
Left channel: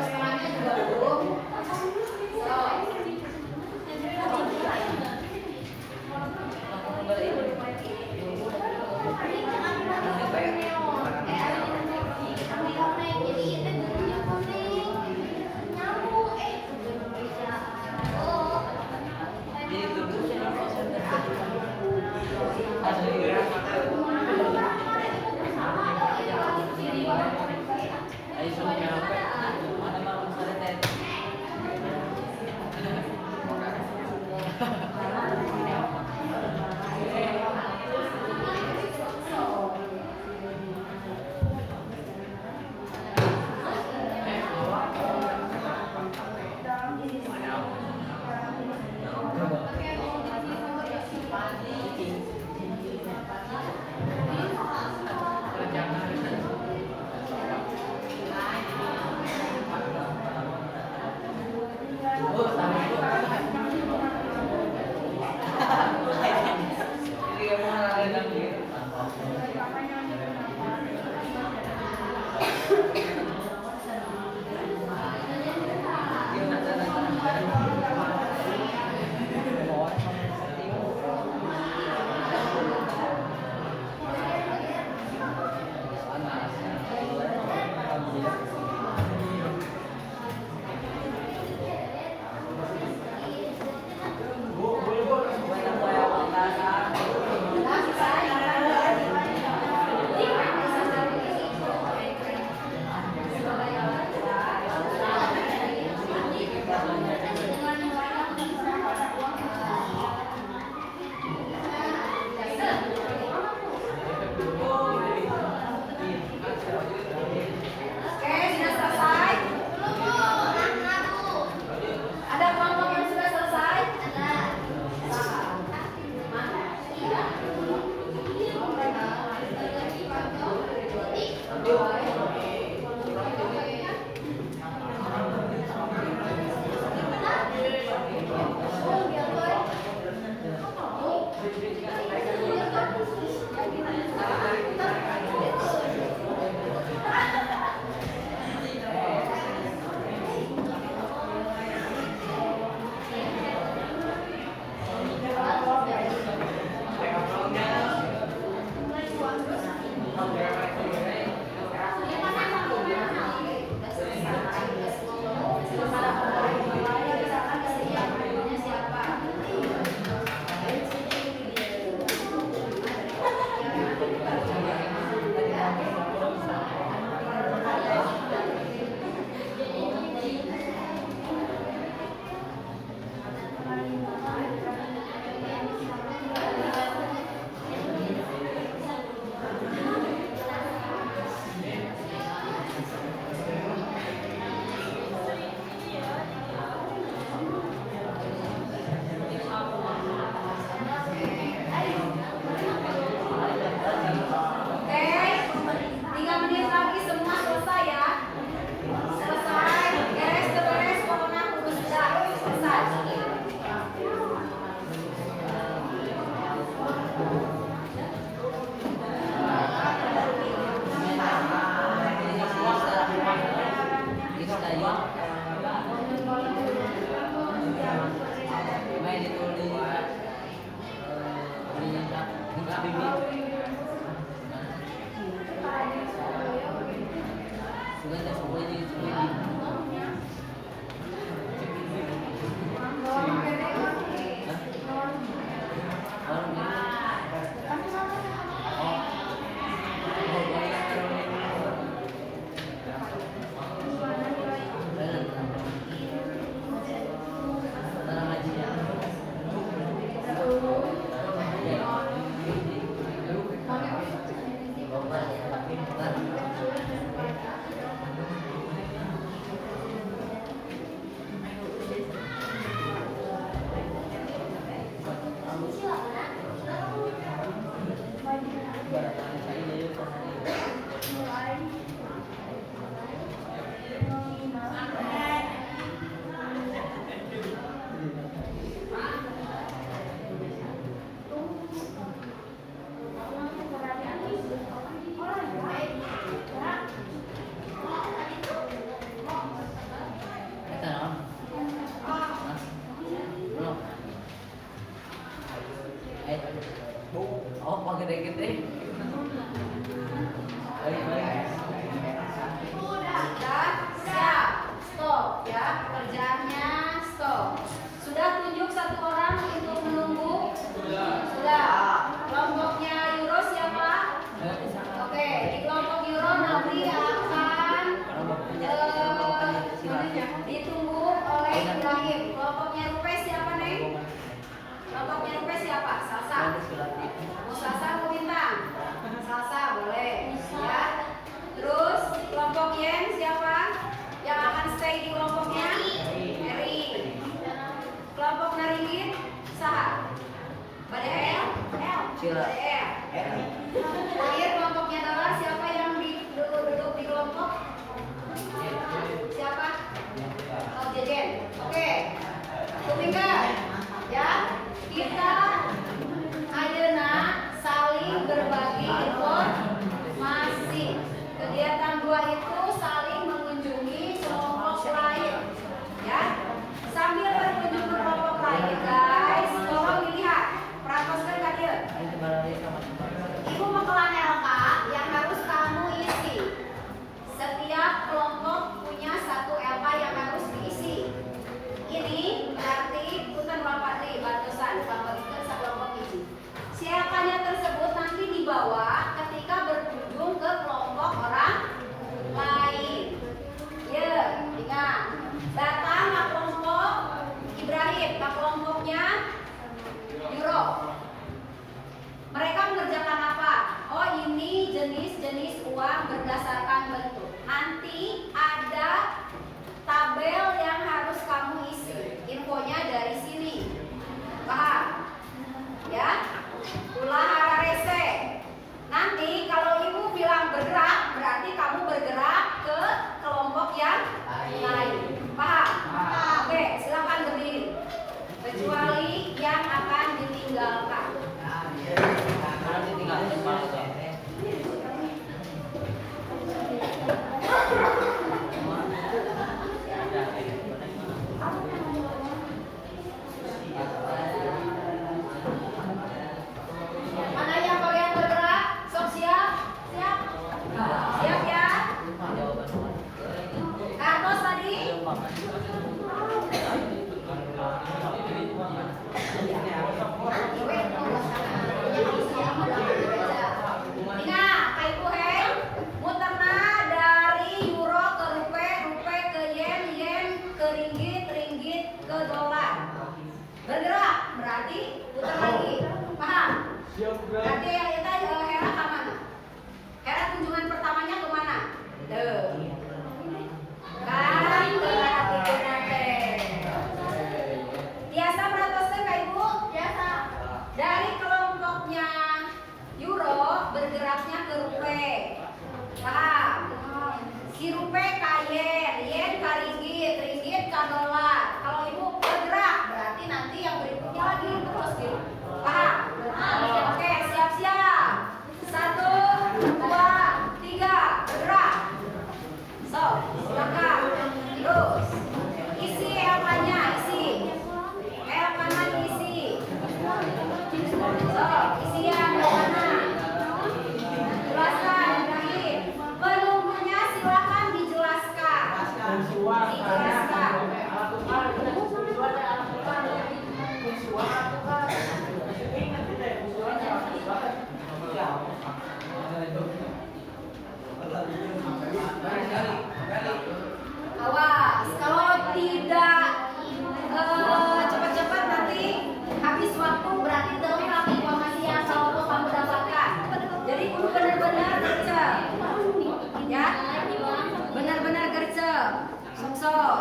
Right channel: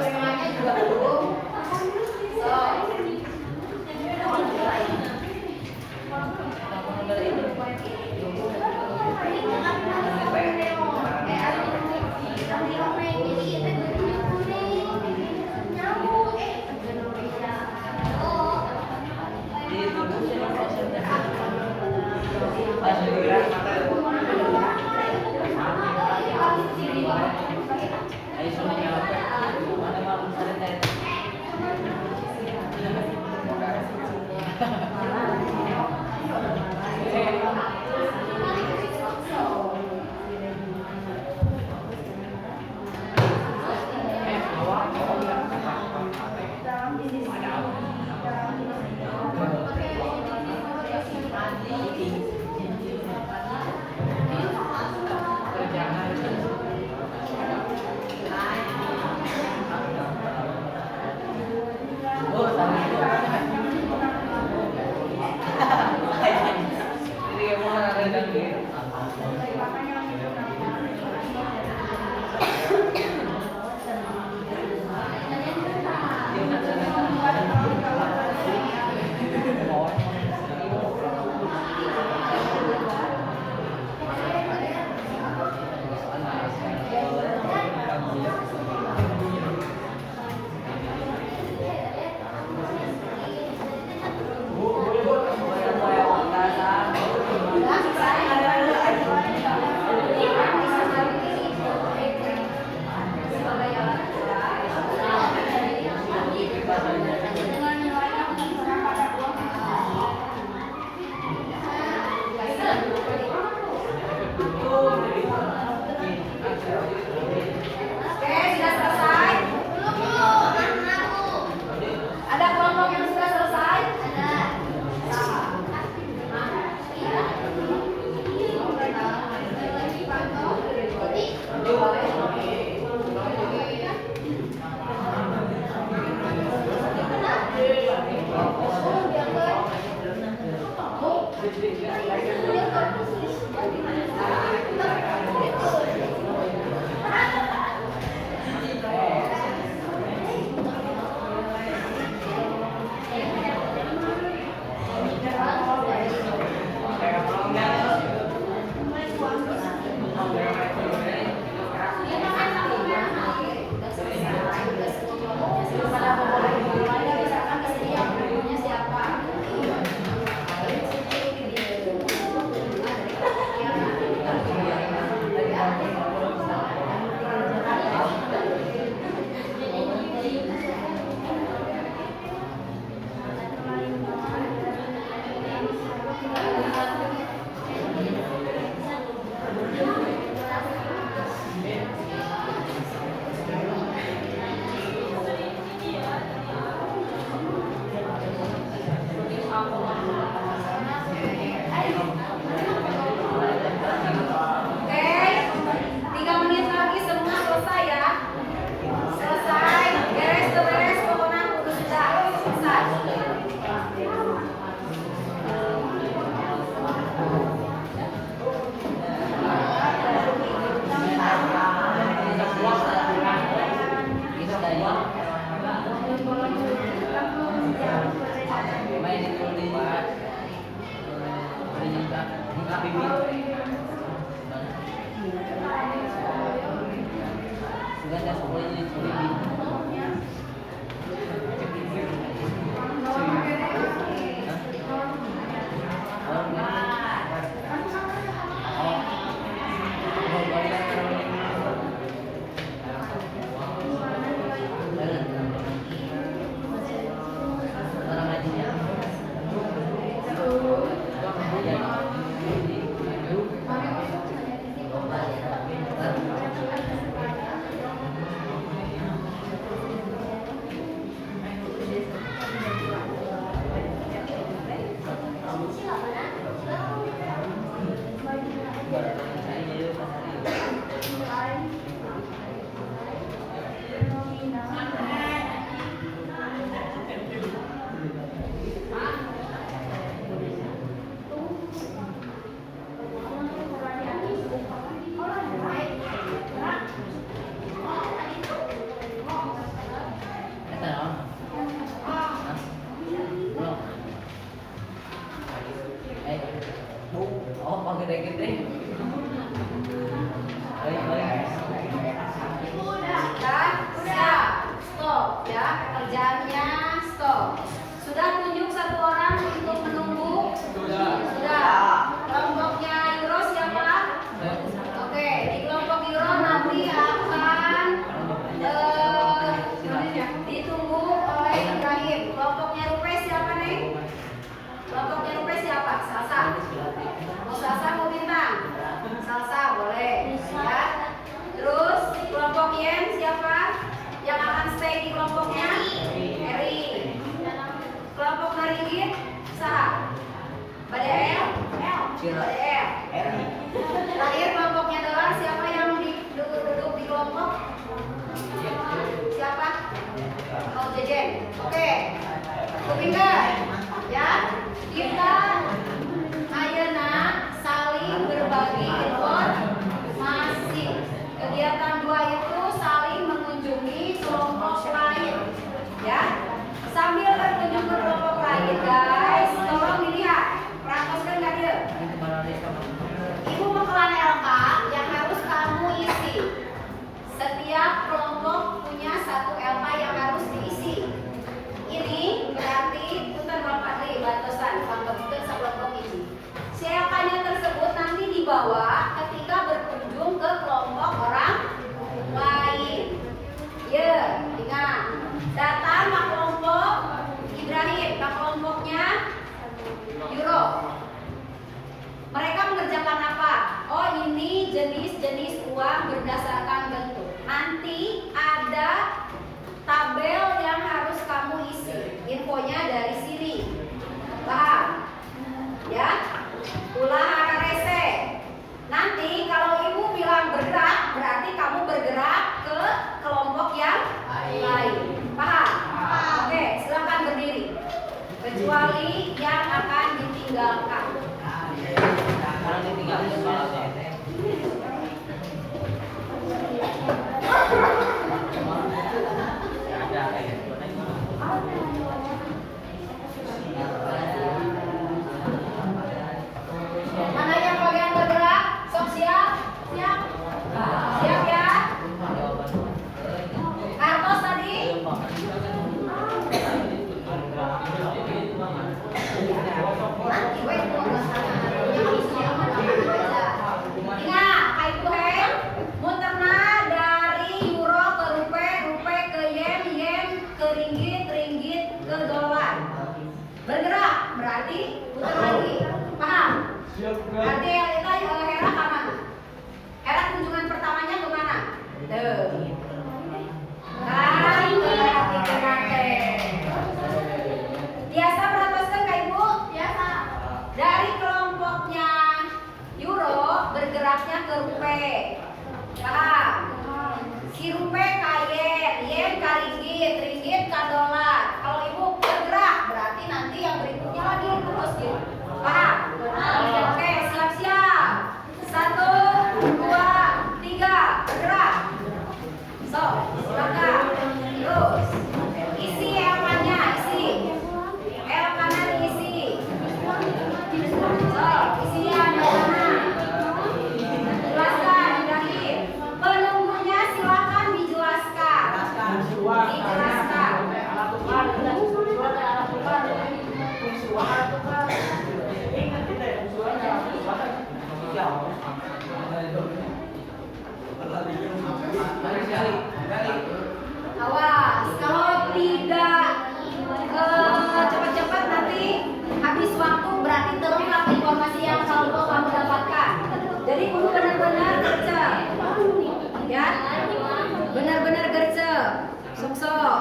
semuanya juga belum. So, Oke. Kupingkan. Ya. Kita ayeuna saling berbagi informasi. Kegiatan 2 itu saling mengunjungi kelompok lain. Ya. Sambil berkunjung ke kelompok lain, guys, tolong dilihat. Prakoskan nggak dia? Ibu mengkelan LK yang harus kamu isi. Setiap kelompok punya 1 LK yang harus diisi. Ini berarti punten Bapak deui bantosan pangkeutkeun sakelompok hiji. Si LK-nya tersebut nanti dibawa ketika berkunjung ke kelompok orang lain. Ya, ingat. Datang ke kelompok Ibrahim, ke kelompoknya Euro. Mereka mengerjakan apa? Oh, ini jenis-jenis uang berdasarkan bentuk. Nanti ada tabel yang harus kamu isi. Infonya dari sini. Paham? Ya? Ulah hararese. Nanti kalau ibu bilang bergerak, berarti kamu bergerak ke kelompok yang lain. Paham? Oke, silakan berdiri. Kecuali yang akan ditinggalkan. Orang ditinggal di sekolah tuh. Ada kayak gitu. Mana yang bagian bergerak? Sok siap? Siap? Siap ya? Artos tadi? Ingat, Kak Ibu Hen, muterna dari euro ke rupiah, rupiah ke yen, yen ke ringgit, ringgit ke dolar. Bergerak, berarti putar lagi. Paham? Berarti kita Hera ke mana? Hera kunjungan pertamanya kemana? Kan berarti ke mate. Biasa beratoskan Kak Ibu? Biasa. Dari kelompoknya euro bergeraknya ke rupiah. Paham? Si rupiah ke yen, yen ke ringgit, ringgit ke dolar. Kalau Ibu bergerak berarti nanti yang berikutnya lagi terus gitu. Paham? Oke, siap-siap. 1, 2, 3, bergerak. So, silakan. Terus isi LK-nya, isi. LK-nya isi. So, isian LK-nya. Jelaskan, Ibrahim. Penunggunya silakan dijelaskan. Dijelaskan. Awas, kalau tidak cepat-cepat nanti habis waktu berarti terungkap informasi yang selalu kamu dapatkan. Jadi kudu benar-benar gercep, ya, benar-benar gercep. Sok-sok.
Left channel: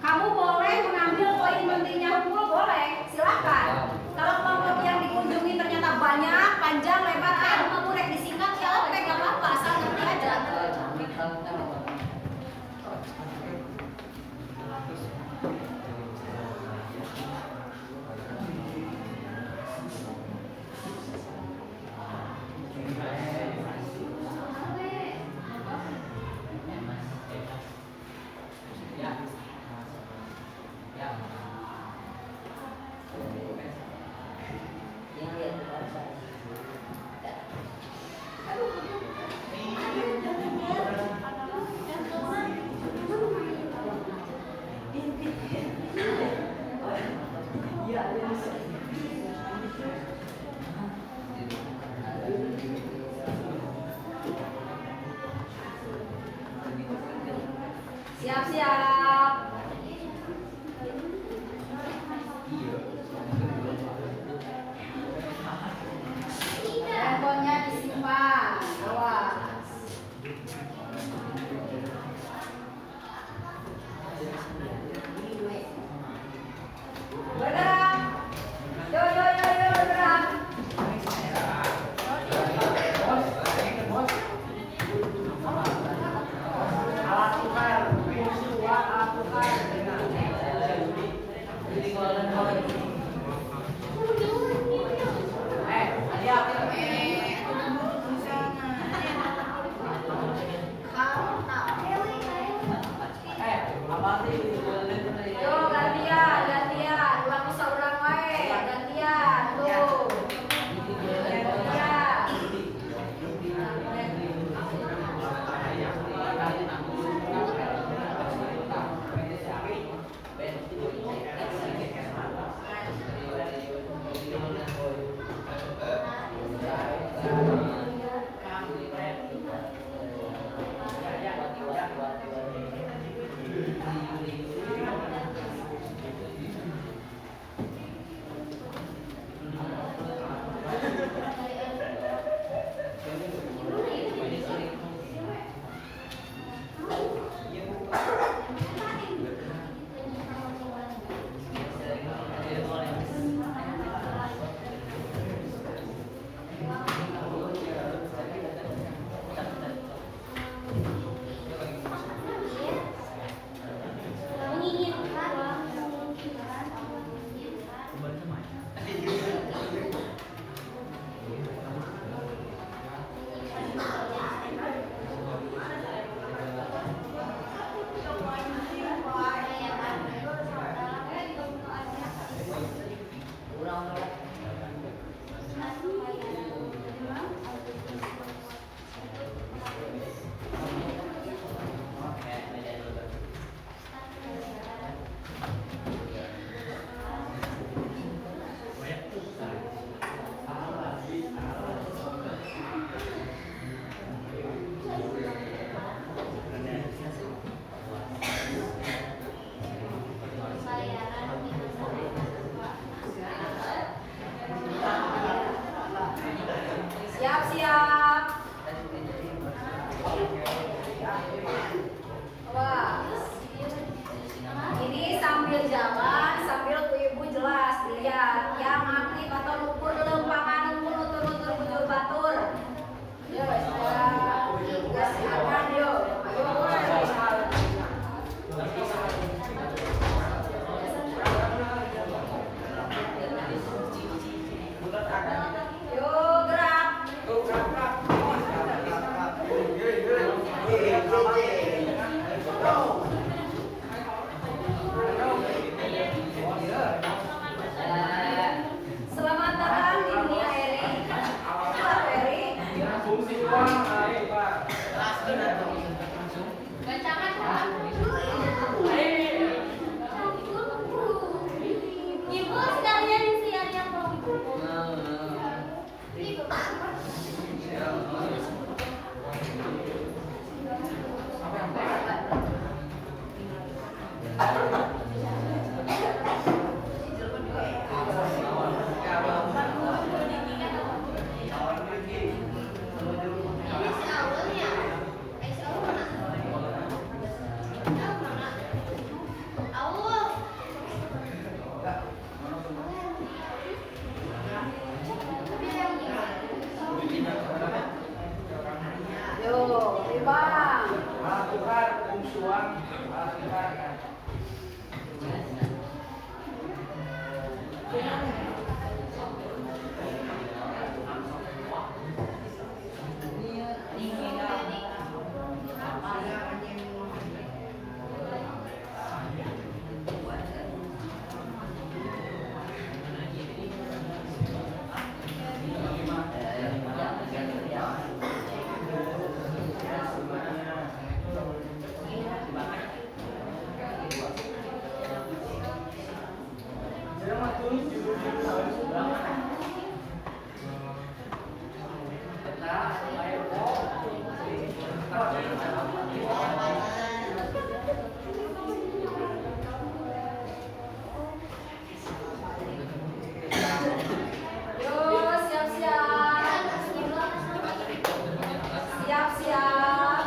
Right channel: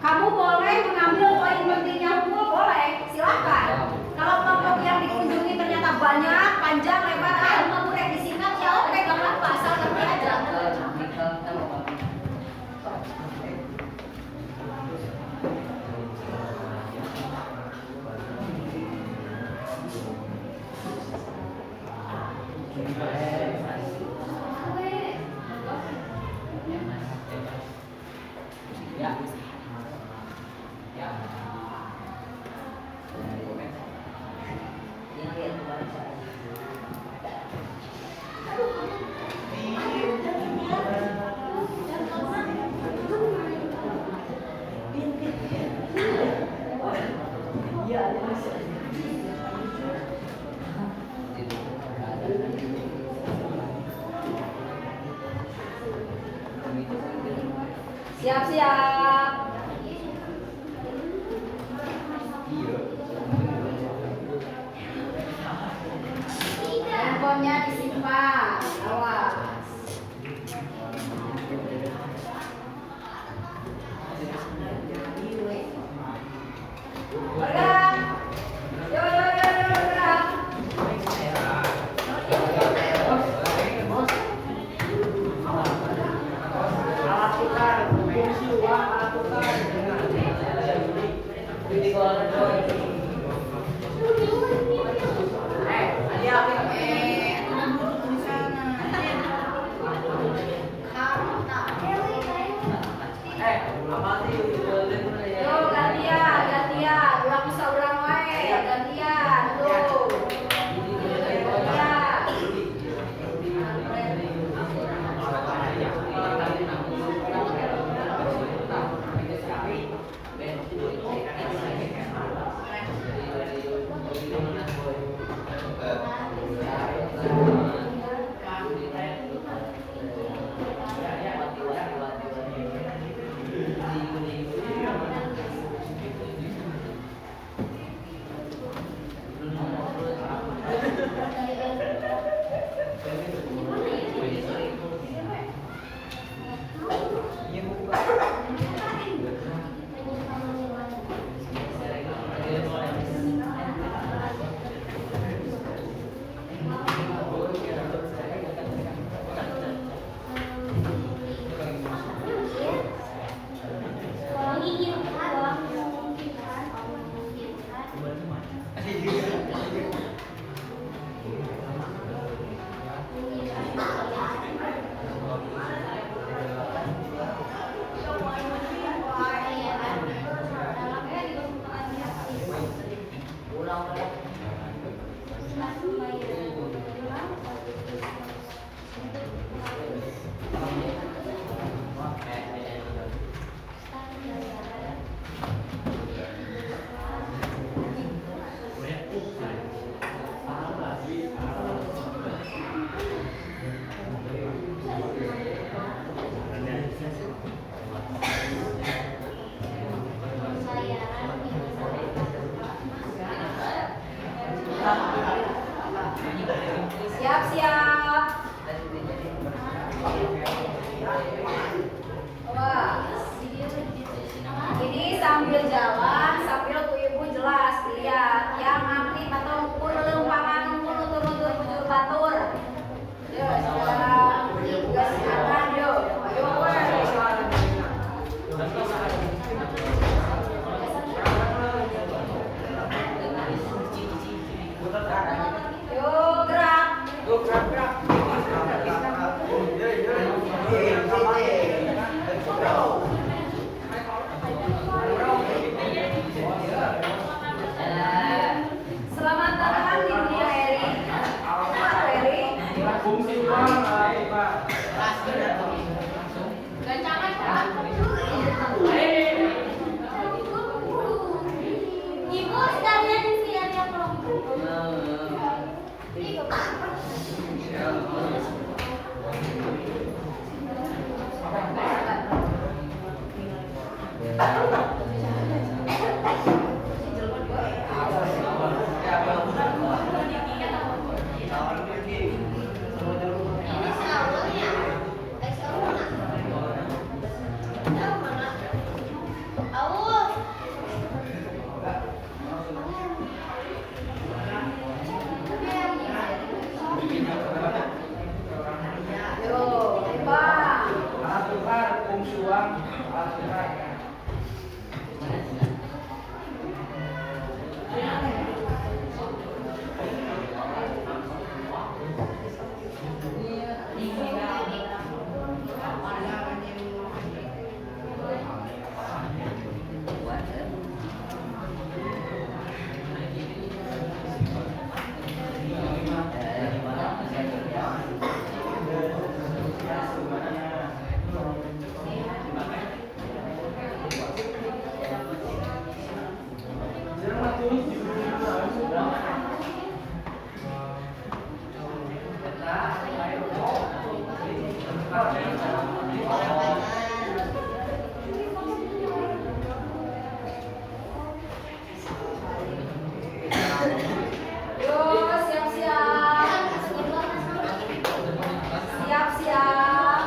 Kamu boleh mengambil poin pentingnya unggul, boleh, silakan. Kalau kelompok yang dikunjungi ternyata banyak, panjang, lebar, mau boleh disingkat ya, oke, gak apa-apa, asal ngerti aja. Siap-siap. Handphonenya disimpan. Awas. Bergerak. Yo yo yo yo bergerak. Alat tukar fungsi uang Yo gantian, gantian, ulang saurang wae, gantian, tuh. Gantian. Siap-siap. Wah. Ini sambil jalan, sambil ibu jelas dilihat yang aktif atau ukur lempangan tutur-tutur bujur batur. Yo, sudah silakan yo. Yo gerak. Selamat datang di dunia Eri. Selamat Eri. Fungsi uang, Pak. Ibu sekalian siap-siap Yo, Bang. Alat tukar, fungsi uang, alat tukar. Yo, siap-siap. Siap-siap.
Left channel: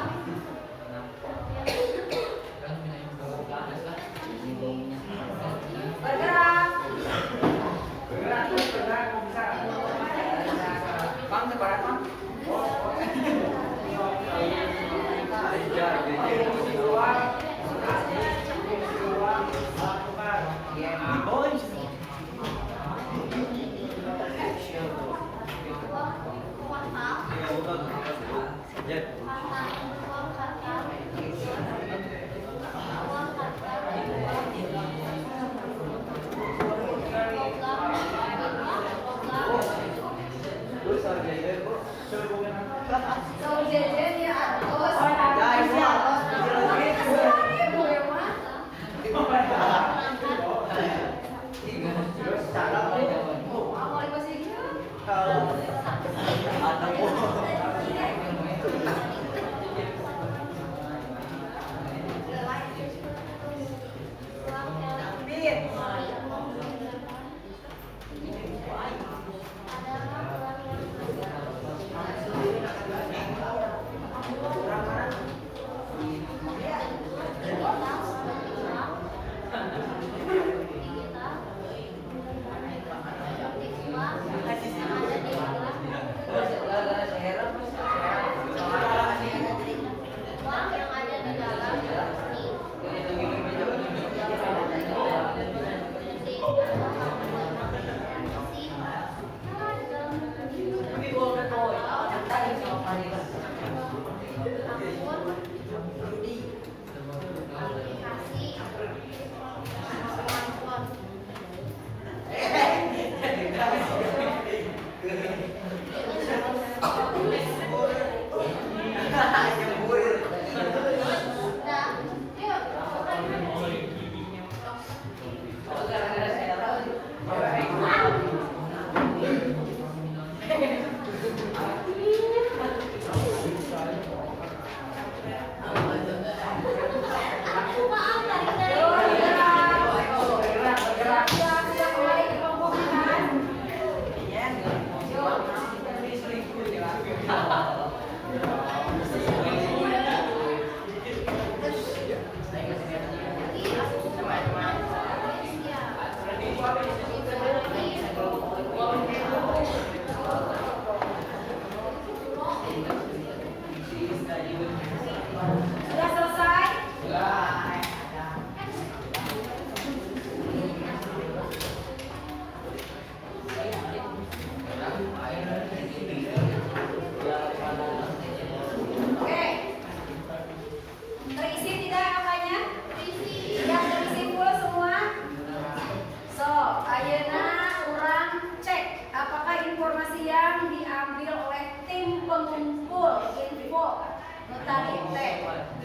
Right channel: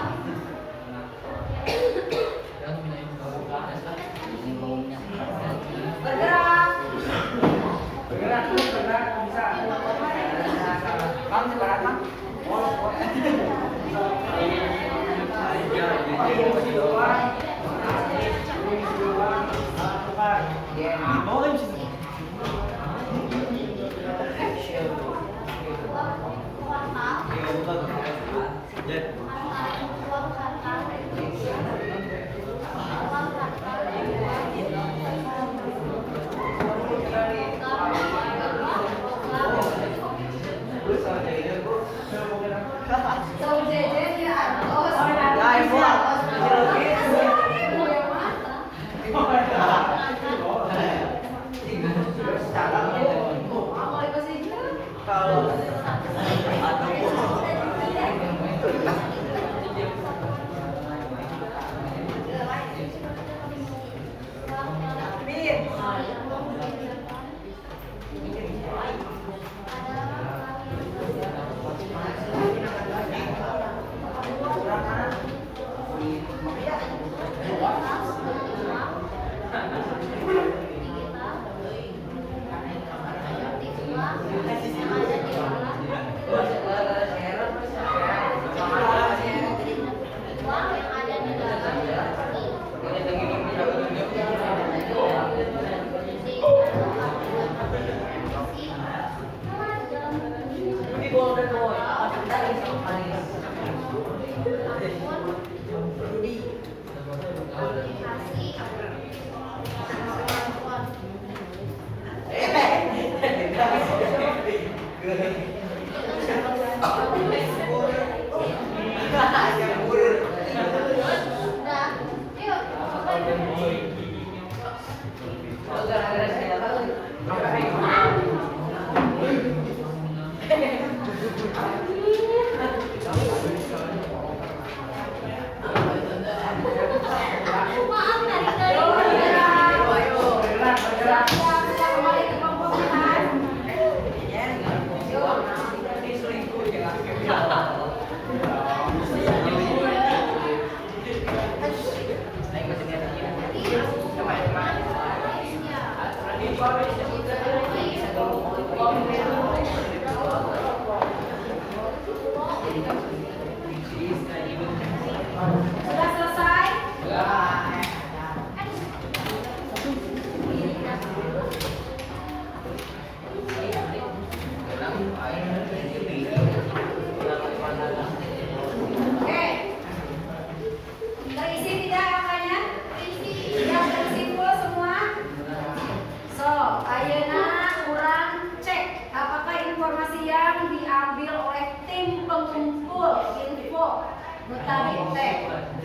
notabene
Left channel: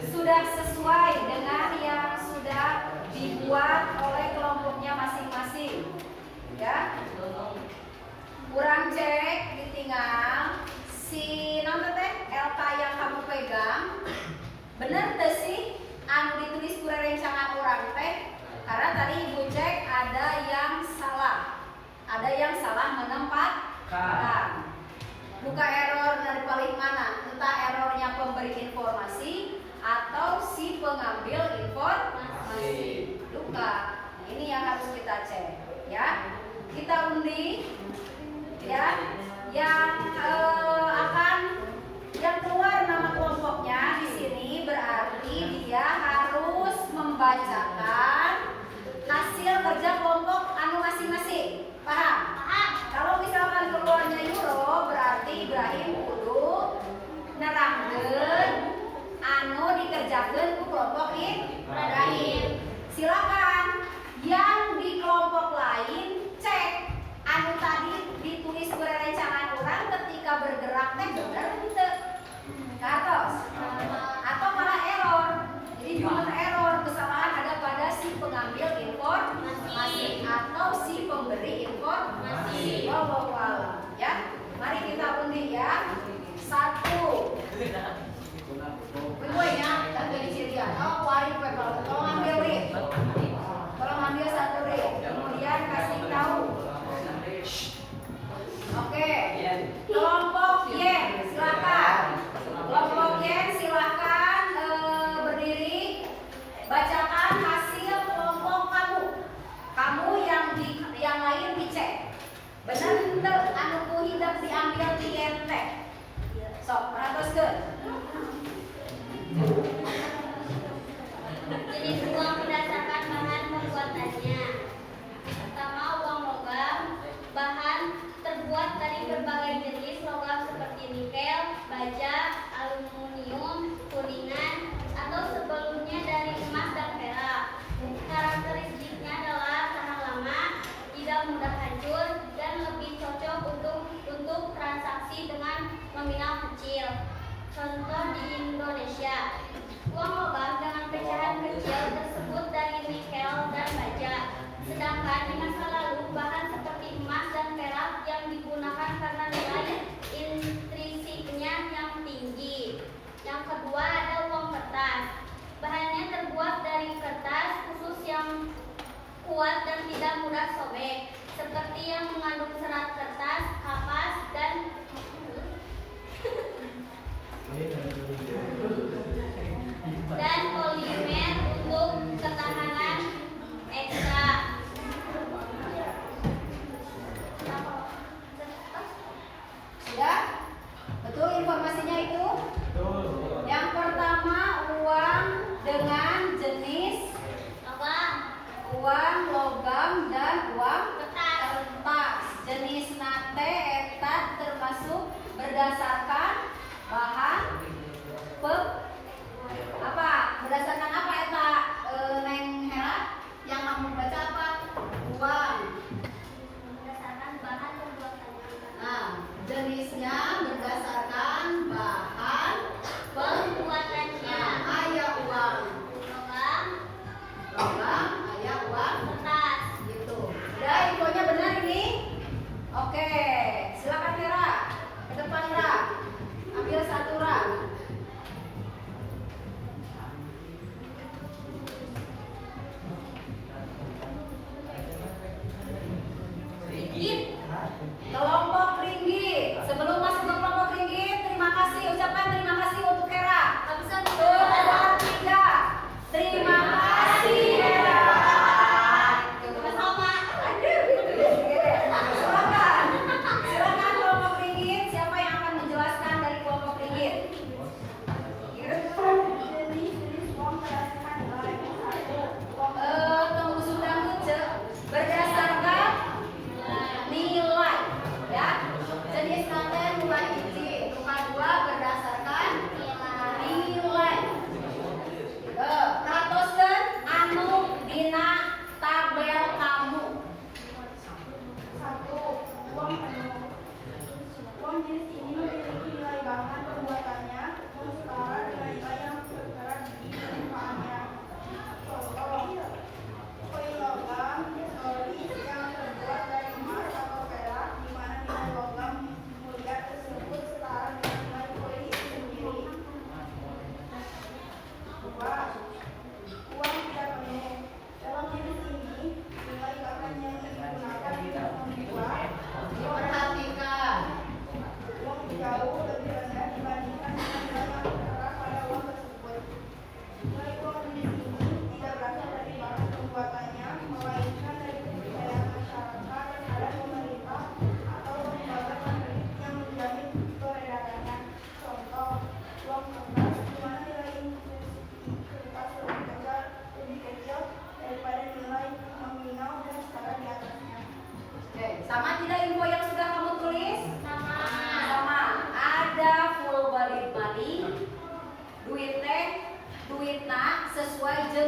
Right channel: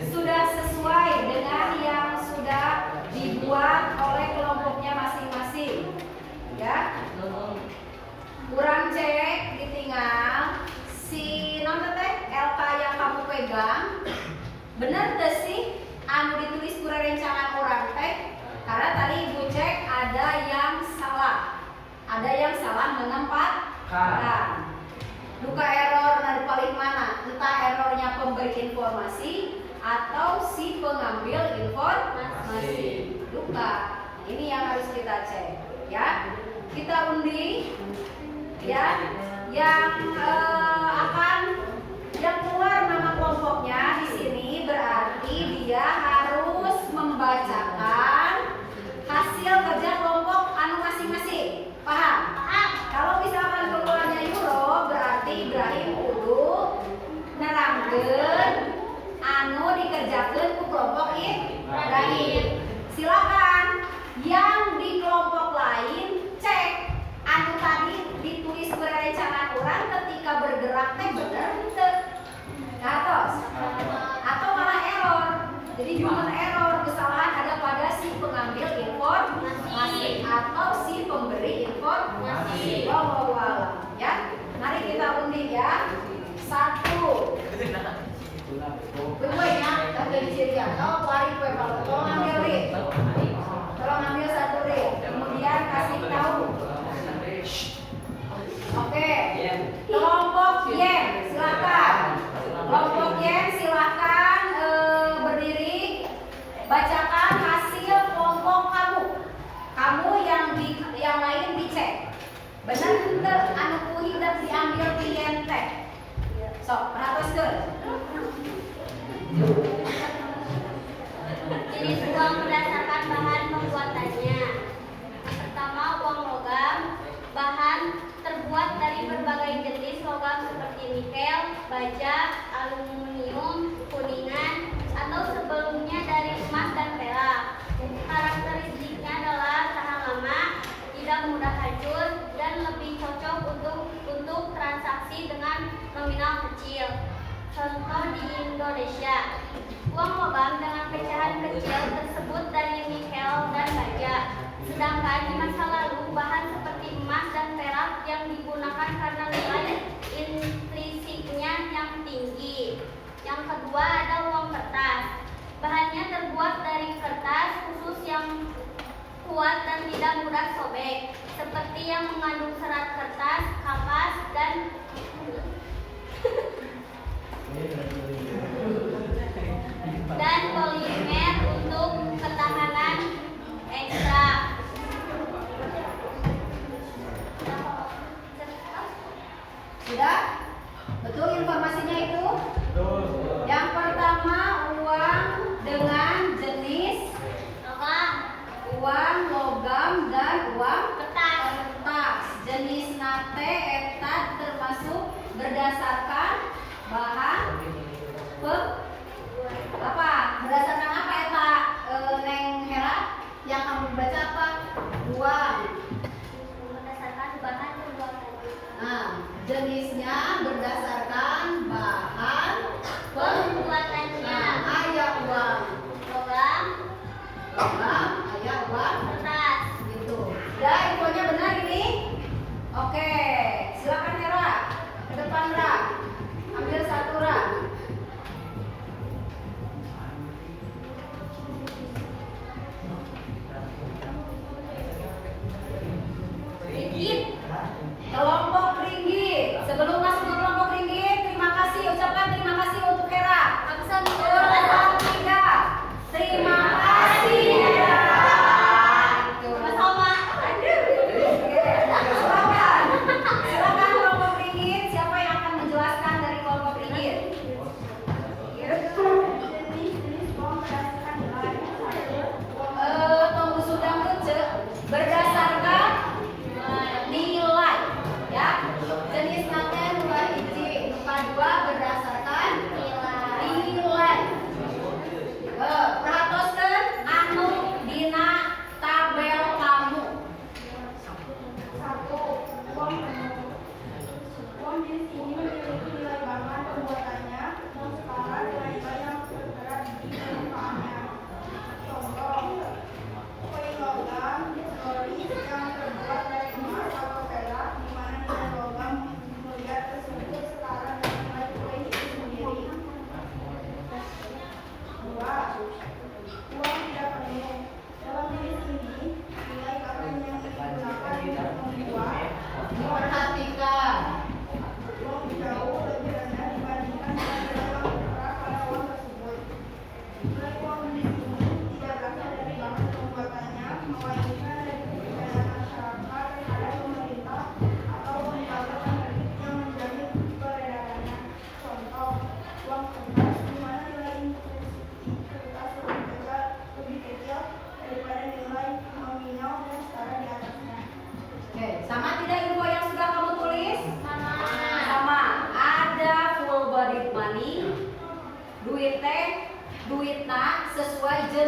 sudah sesuai dengan yang sudah dibuat oleh kelompoknya masing-masing. Ya. Kurang cek ditinggal si nama teh LK yang kamu pegang bener teh sih anu ditulis kurang rencangan orang teh, karena tadi ibu cek ada yang salah menempatkan. Duka error dari paling mana? Entah errornya pemberi informasi atau si pengambil informasi. Duka. Ini yang harus kita cek, ya. Kita undi, ya. Yang yang keluar nama kelompoknya di sini berarti dia harus membacakan hasil kerja kelompok anu masing-masing. Paham? Paham. Kalau misalkan keluarnya Euro berarti Ibrahim kudu nerangkeun anu dikerjakeun ku kelompok Ibrahim. Silakan yang di kelompok lain cek anu tadi ditulis berencangan orang ketika bergerak teh bener henteu. Katos atau malah error. Jadi cuma error, kesalahan ada pada si pengambil informasi atau si pemberi informasi. Wallahu a'lam, ya. Mari kita undi ya. 1. Kedua ya, dan dari cirian. Oh, wari kue kalau tolong ambil rit. Tolong ambil 1 rit. Kemudian kasih tahu. Oke. Kelompok Y, silakan. Kelompok Y silakan berdiri. Bacakan hasil kelompok kamu. Kamu yang lain dicek. Benar henteu anu ku hendak diambil klien teh. Sok, perhatikan. Jenis uang berdasarkan bahan pembuatannya. Pertama, uang logam. Bahan terbuat dari berbagai jenis logam seperti nikel, baja, aluminium, kuningan, atau sebelumnya dari emas dan perak. Karakteristiknya adalah tahan lama, tidak mudah hancur, dan lebih cocok untuk transaksi dengan nominal kecil. Contoh di Indonesia, uang logam dengan pecahan kecil tersebut dari nikel dan baja. Sedangkan di masa lalu bahan seperti emas dan perak yang digunakan karena nilai intrinsiknya yang tinggi. Yang kedua ada uang kertas. Bahannya terbuat dari kertas khusus yang kuat dan tidak mudah sobek, seperti yang mengandung serat kertas, kapas, dan polimer untuk ketahanan ekstra. Sudah? Betul informasinya itu? Betul. Yang pertama uang dengan jenis logam, uang logam dan uang kertas. kertas. Jenis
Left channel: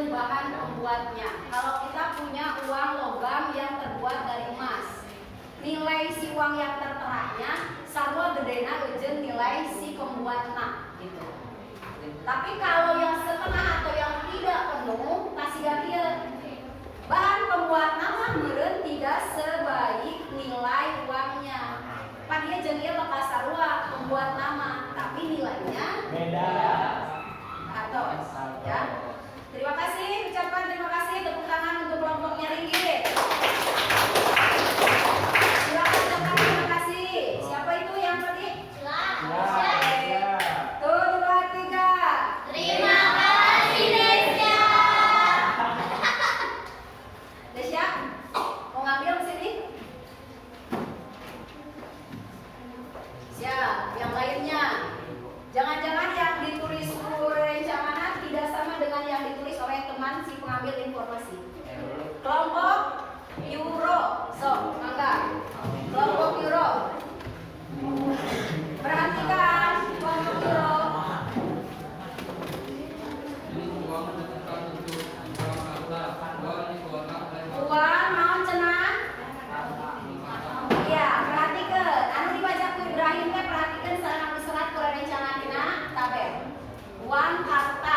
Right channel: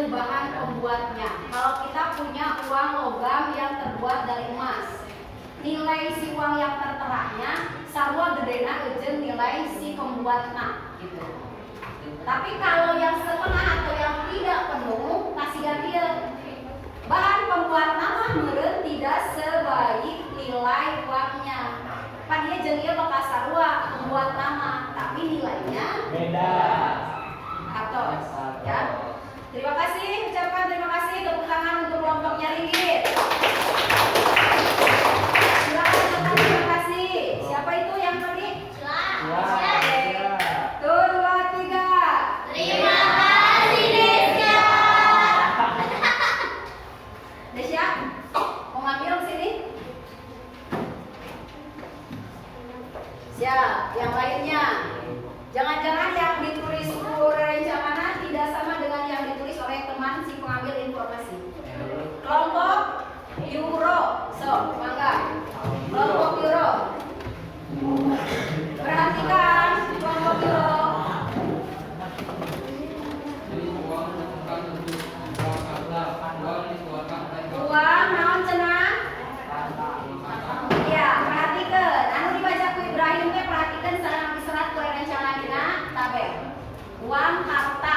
bahan pembuatnya. Kalau kita punya uang logam yang terbuat dari emas, nilai si uang yang terteranya sarua gedena eujeun nilai si pembuatna gitu. Tapi kalau yang setengah atau yang tidak penuh kasih dia bahan pembuatna mah meureun tidak sebaik nilai uangnya. Pan dia jeung ieu bakal sarua pembuat nama, tapi nilainya Beda. atau ya. Terima kasih, ucapkan terima kasih, tepuk tangan untuk kelompoknya Ringgit. Silakan ucapkan terima kasih. Siapa itu yang tadi? Ya. Tuh, 2, 3. Terima kasih Desya. Desya, mau ngambil sini? Siap, yang lainnya. Jangan-jangan yang ditulis rencana tidak sama dengan yang ditulis oleh teman si pengambil informasi. Kelompok Euro, so, mangga. Kelompok Euro. Perhatikan kelompok Euro. Uang naon cenah? Iya, perhatikan. Anu dibaca ku Ibrahim teh perhatikan sareng diserat ku rencanana tabel. Uang harta.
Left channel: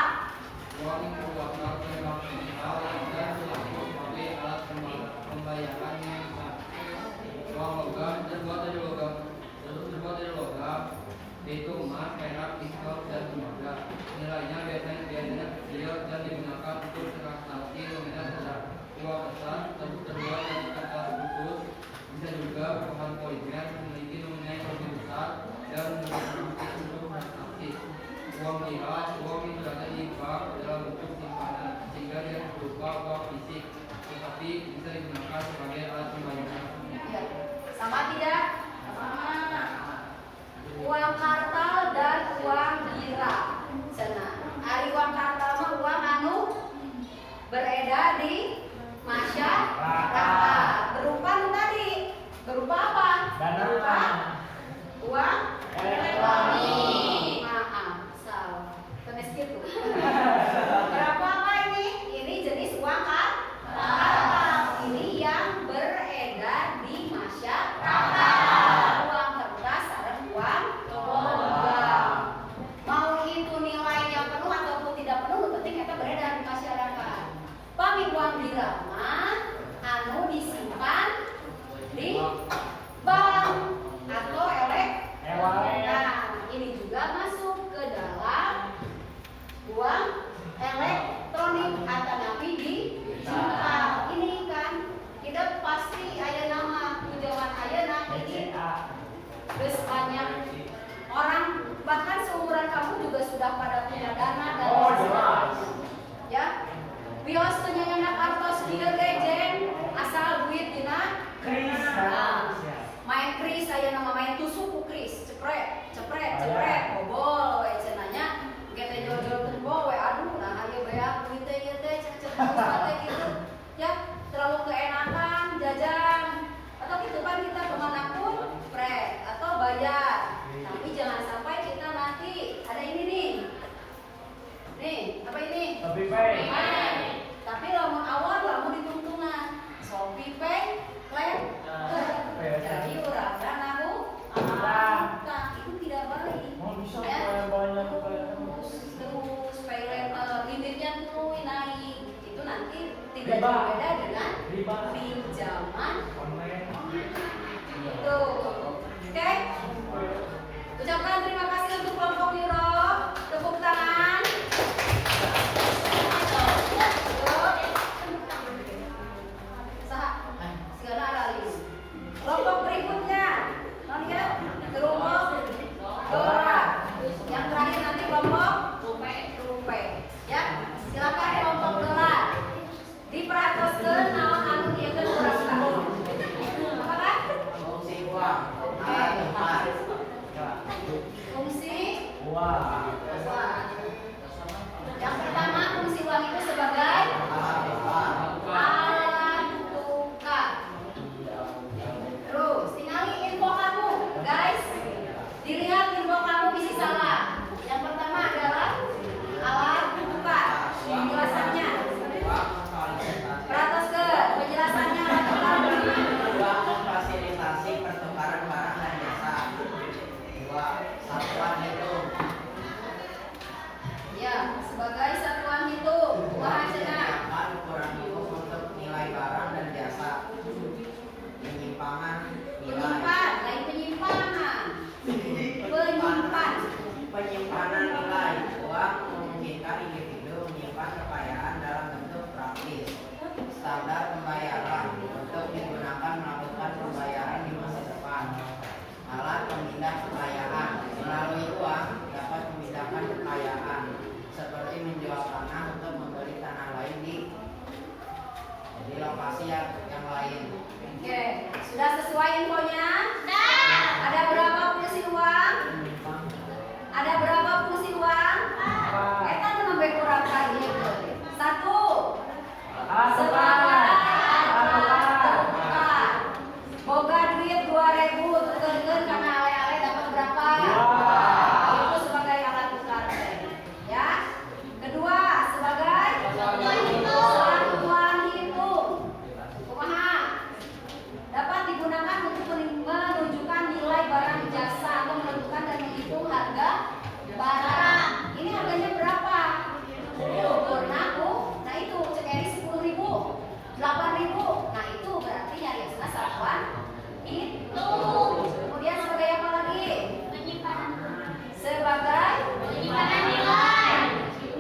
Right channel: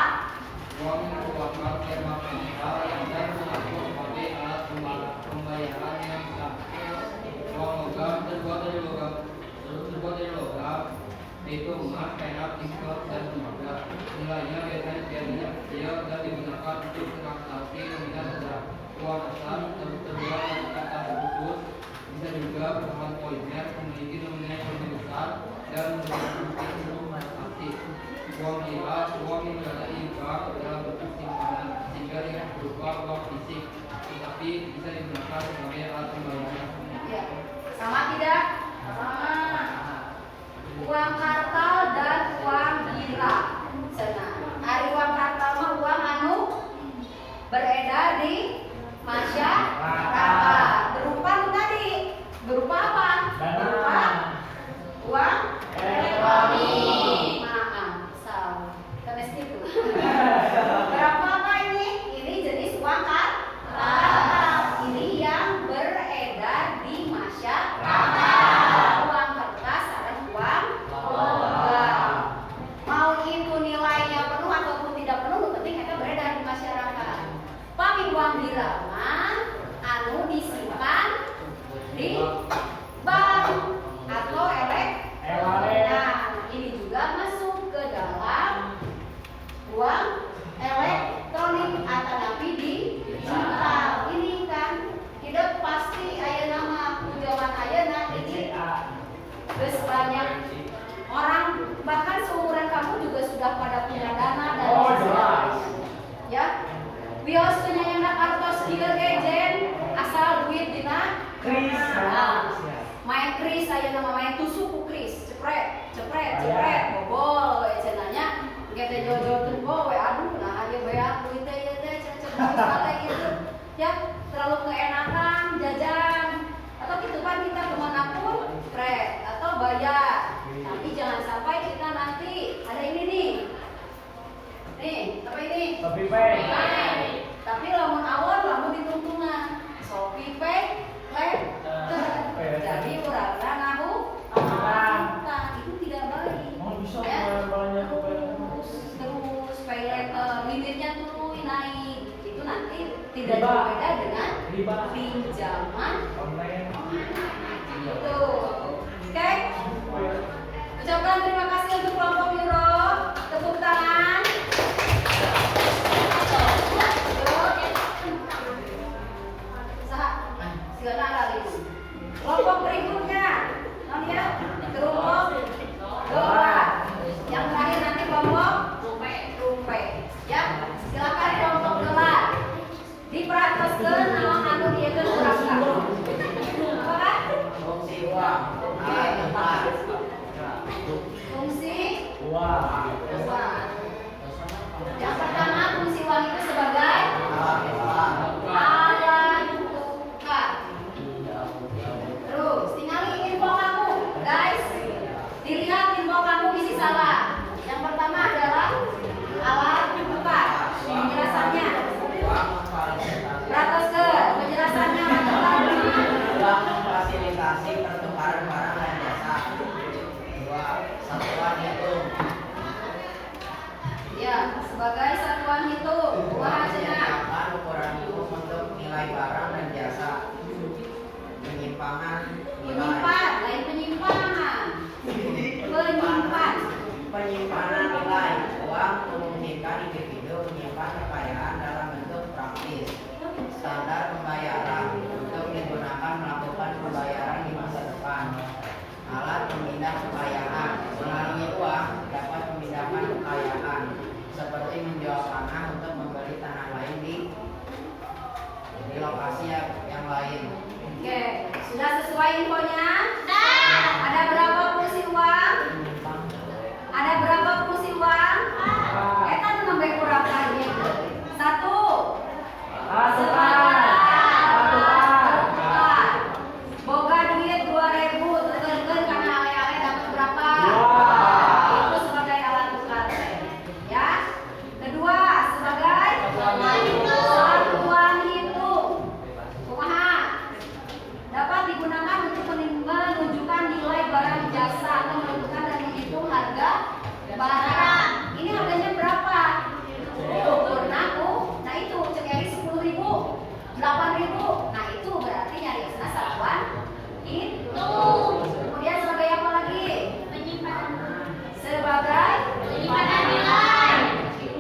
Itu emas, perak, nikel, dan tembaga. Nilainya biasanya dia dan digunakan untuk transaksi nominal saja. Uang asal terbuat dari kertas khusus, bisa juga bahan polimer memiliki nominal yang lebih besar dan memiliki seluruh transaksi. Uang lira, uang yang berada di bank dalam bentuk simpanan, sehingga yang berupa uang fisik, tetapi bisa digunakan sebagai alat pembayaran. Ya. Sama tidak? Sama. Uang kartal dan uang lira. Cenah. Ari uang kartal mah uang anu beredar di masyarakat. Berupa nu tadi. Berupa apa? Berupa uang elektronik. Maaf, salah. Temes gitu. Berapa apa ini? Ini jenis uang kartal. Ini yang beredar di masyarakat. Uang kertas sareng uang logam. Mau itu nilainya penuh ataupun tidak penuh, yang penting eta beredar di masyarakat. Pami uang lira mah anu disimpan di bank atau Nah, ini juga masuk ke dalam uang elektronik atau nabi digital. Ini kan tidak pasti aya nama tujuan ayeuna ini. Terus banyak orang bahkan seumuran kamu juga sudah pada punya dana dan sebagainya. Ya, bios penyanyi artos ieu gejen asal duit dina Kris. main kris aya nama main tusuk ku kris cepret bobol we cenanya gede jol-jol tembok we aduh nah aya beak duit teh ieu teh cek gitu ya terlalu keenakan jajan atau gitu kan kita kemanapun pret atau bayar tapi jangan sampai kita nanti ada ini nih apa ini Lebih baik. tapi lamun awal lamun ditungtungan Shopee Pay jadi urangna nahu itu tidak baik. Mau bisa Ya. banyak terus pay letter limitnya tuh naik itu nanti tidak Riba. berbeda dengan Riba. pinjaman online. itu. Oke, ucapkan terima kasih untuk kelompok Euro, tepuk tangan. Segala lali. Kelompok berikutnya, ya, kelompok dolar. Yang terakhir nanti kelompok rupiah. Ya, silakan kelompok dolar. Diperhatikan nama anu dia ke kurang apa kan? Fungsi uang. Fungsi Wah. uang. praktis. Standar pembayaran untuk digunakan melakukan pembayaran di masa depan. Alat pemindah kekayaan. Melalui uang dapat memindahkan kekayaan, seperti menjual tanah untuk membeli tanah lain di lokasi yang lain. Oke, sudah sesuai infonya? Ada berapa fungsi uang? Ada berapa fungsi uang? Kan nambah kurang kali. Satu. Boga duit 2.000, tukeun karena ale-ale dapat berapa? Itu sebagai alat tukar. Ya. Kedua, sebagai satuan hitung. Kumaha? Dapat digunakan untuk menunjukkan nilai barang jasa atau menentukan dan menghitung harga barang. Ini harganya berapa? Diukur naku. Nah itu cek Eri 10.000, 8.000. Nah itu berarti nyariosna satuan itu. Kemudian sebagai apa lagi? Sebagai penyimpanan nilai.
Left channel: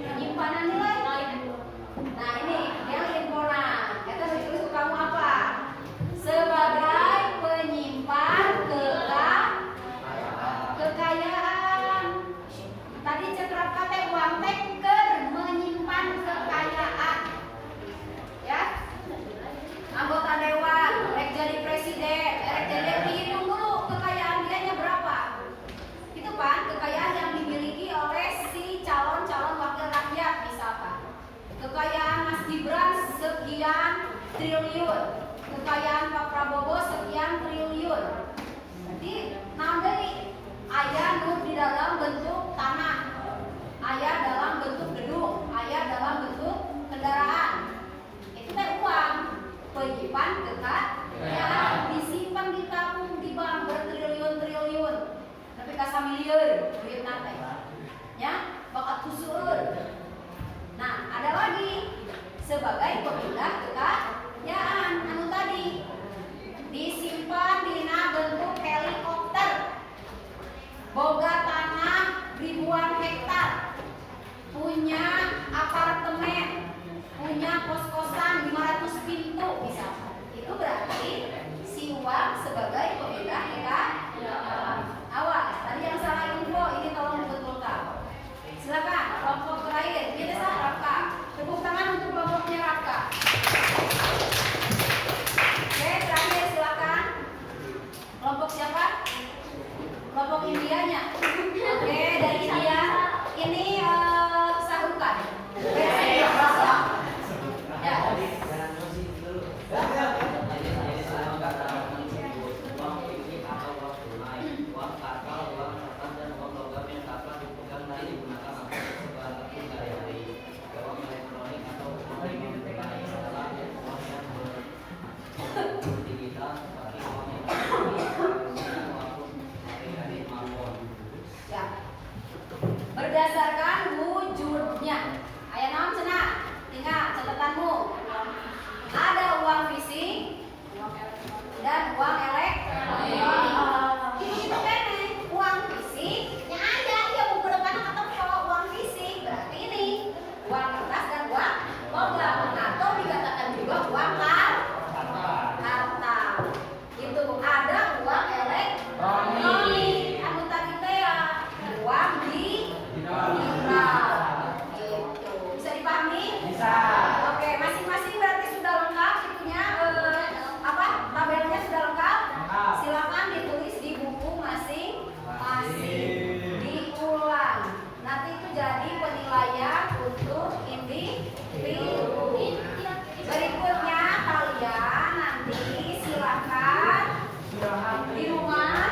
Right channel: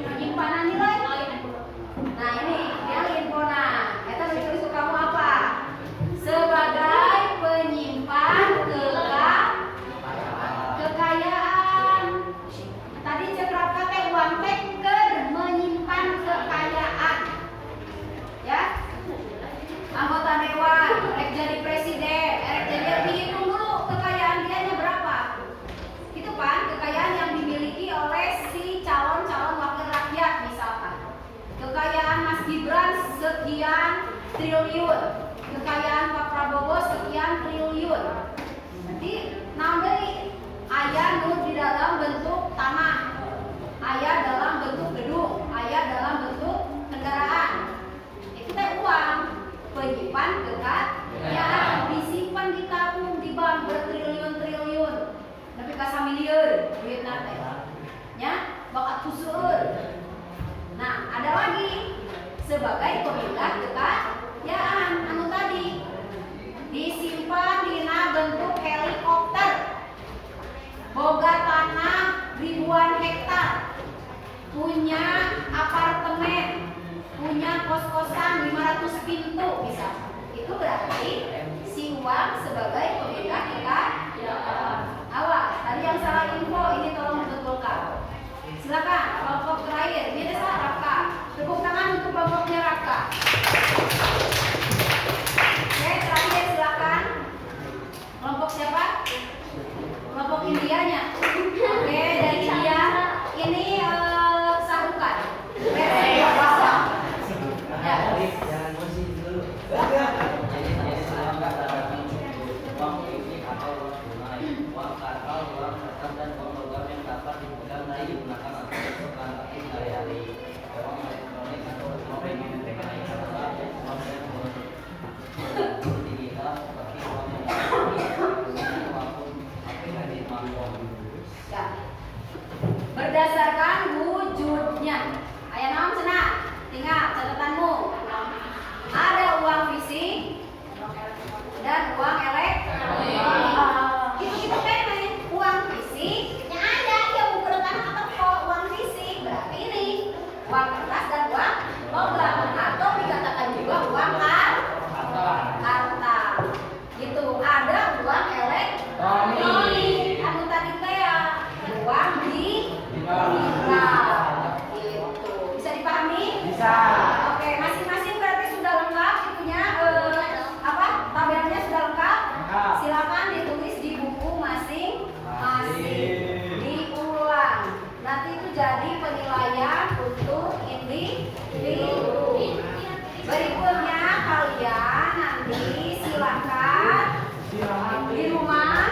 Penyimpanan nilai. Nah ini yang infona. Kita tulis ke kamu apa? Sebagai penyimpan kekayaan. Tadi cekraka teh uang teh keur menyimpan kekayaan. Ya. Anggota dewan, rek jadi presiden, rek jadi dihitung dulu kekayaan dianya berapa. Itu kan kekayaan yang dimiliki oleh si calon-calon wakil rakyat misalkan. Kekayaan Mas Gibran sekian triliun. Kekayaan Pak Prabowo sekian triliun. Jadi nambeli aya nu di dalam bentuk tanah, aya dalam bentuk gedung, aya dalam bentuk kendaraan. Itu teh uang, penyimpan kekayaan, disimpan di tabung di bank bertriliun-triliun. Tapi ka samilieur duitna teh. Ya, bakat kuseur. Nah, ada lagi sebagai pemindah kekayaan anu tadi disimpan dina bentuk helikopter, boga tanah ribuan hektar, punya apartemen, punya kos-kosan 500 pintu misalkan. Itu berarti si uang sebagai pemindah kekayaan. Awas, tadi yang salah info ini tolong dibetulkan. Silakan kelompok terakhir, ini salah Rafka. Tepuk tangan untuk kelompoknya Rafka. Oke, terakhir silakan. Kelompok siapa? Kelompok Indianya. Oke, dari India. Ini Sarukan. Ya. Jangan musik dulu. Jadi selama menggunakan uang ini atau uang tunai, uang kartal, uang kertas dan uang logam yang dapat dipegang dan digunakan untuk keperluan sehari-hari, uang elektronik atau uang yang dipegang adalah uang yang digital seperti uang yang maupun aplikasi smartphone. Ya. Berdasarkan wujudnya. Aya naon cenah? Tinggal catatanmu. Ada uang fisik dan uang elektronik. Itu kene uang fisik yang ada dia bukan atau uang fisik. Berarti ini uang kertas dan uang logam atau dikatakan juga uang kartal. Itu ada uang elektronik. Anu tadi teh uang digital. Gitu. Bisa dipahami? Bisa. Oke, masing-masing berarti sudah lengkap itunya tabelnya sudah lengkap. Silakan ditulis di buku masing-masing. Diulang. Nanti itu jadi penilaian untuk individu. Berikutnya kalian nanti silakan di rumah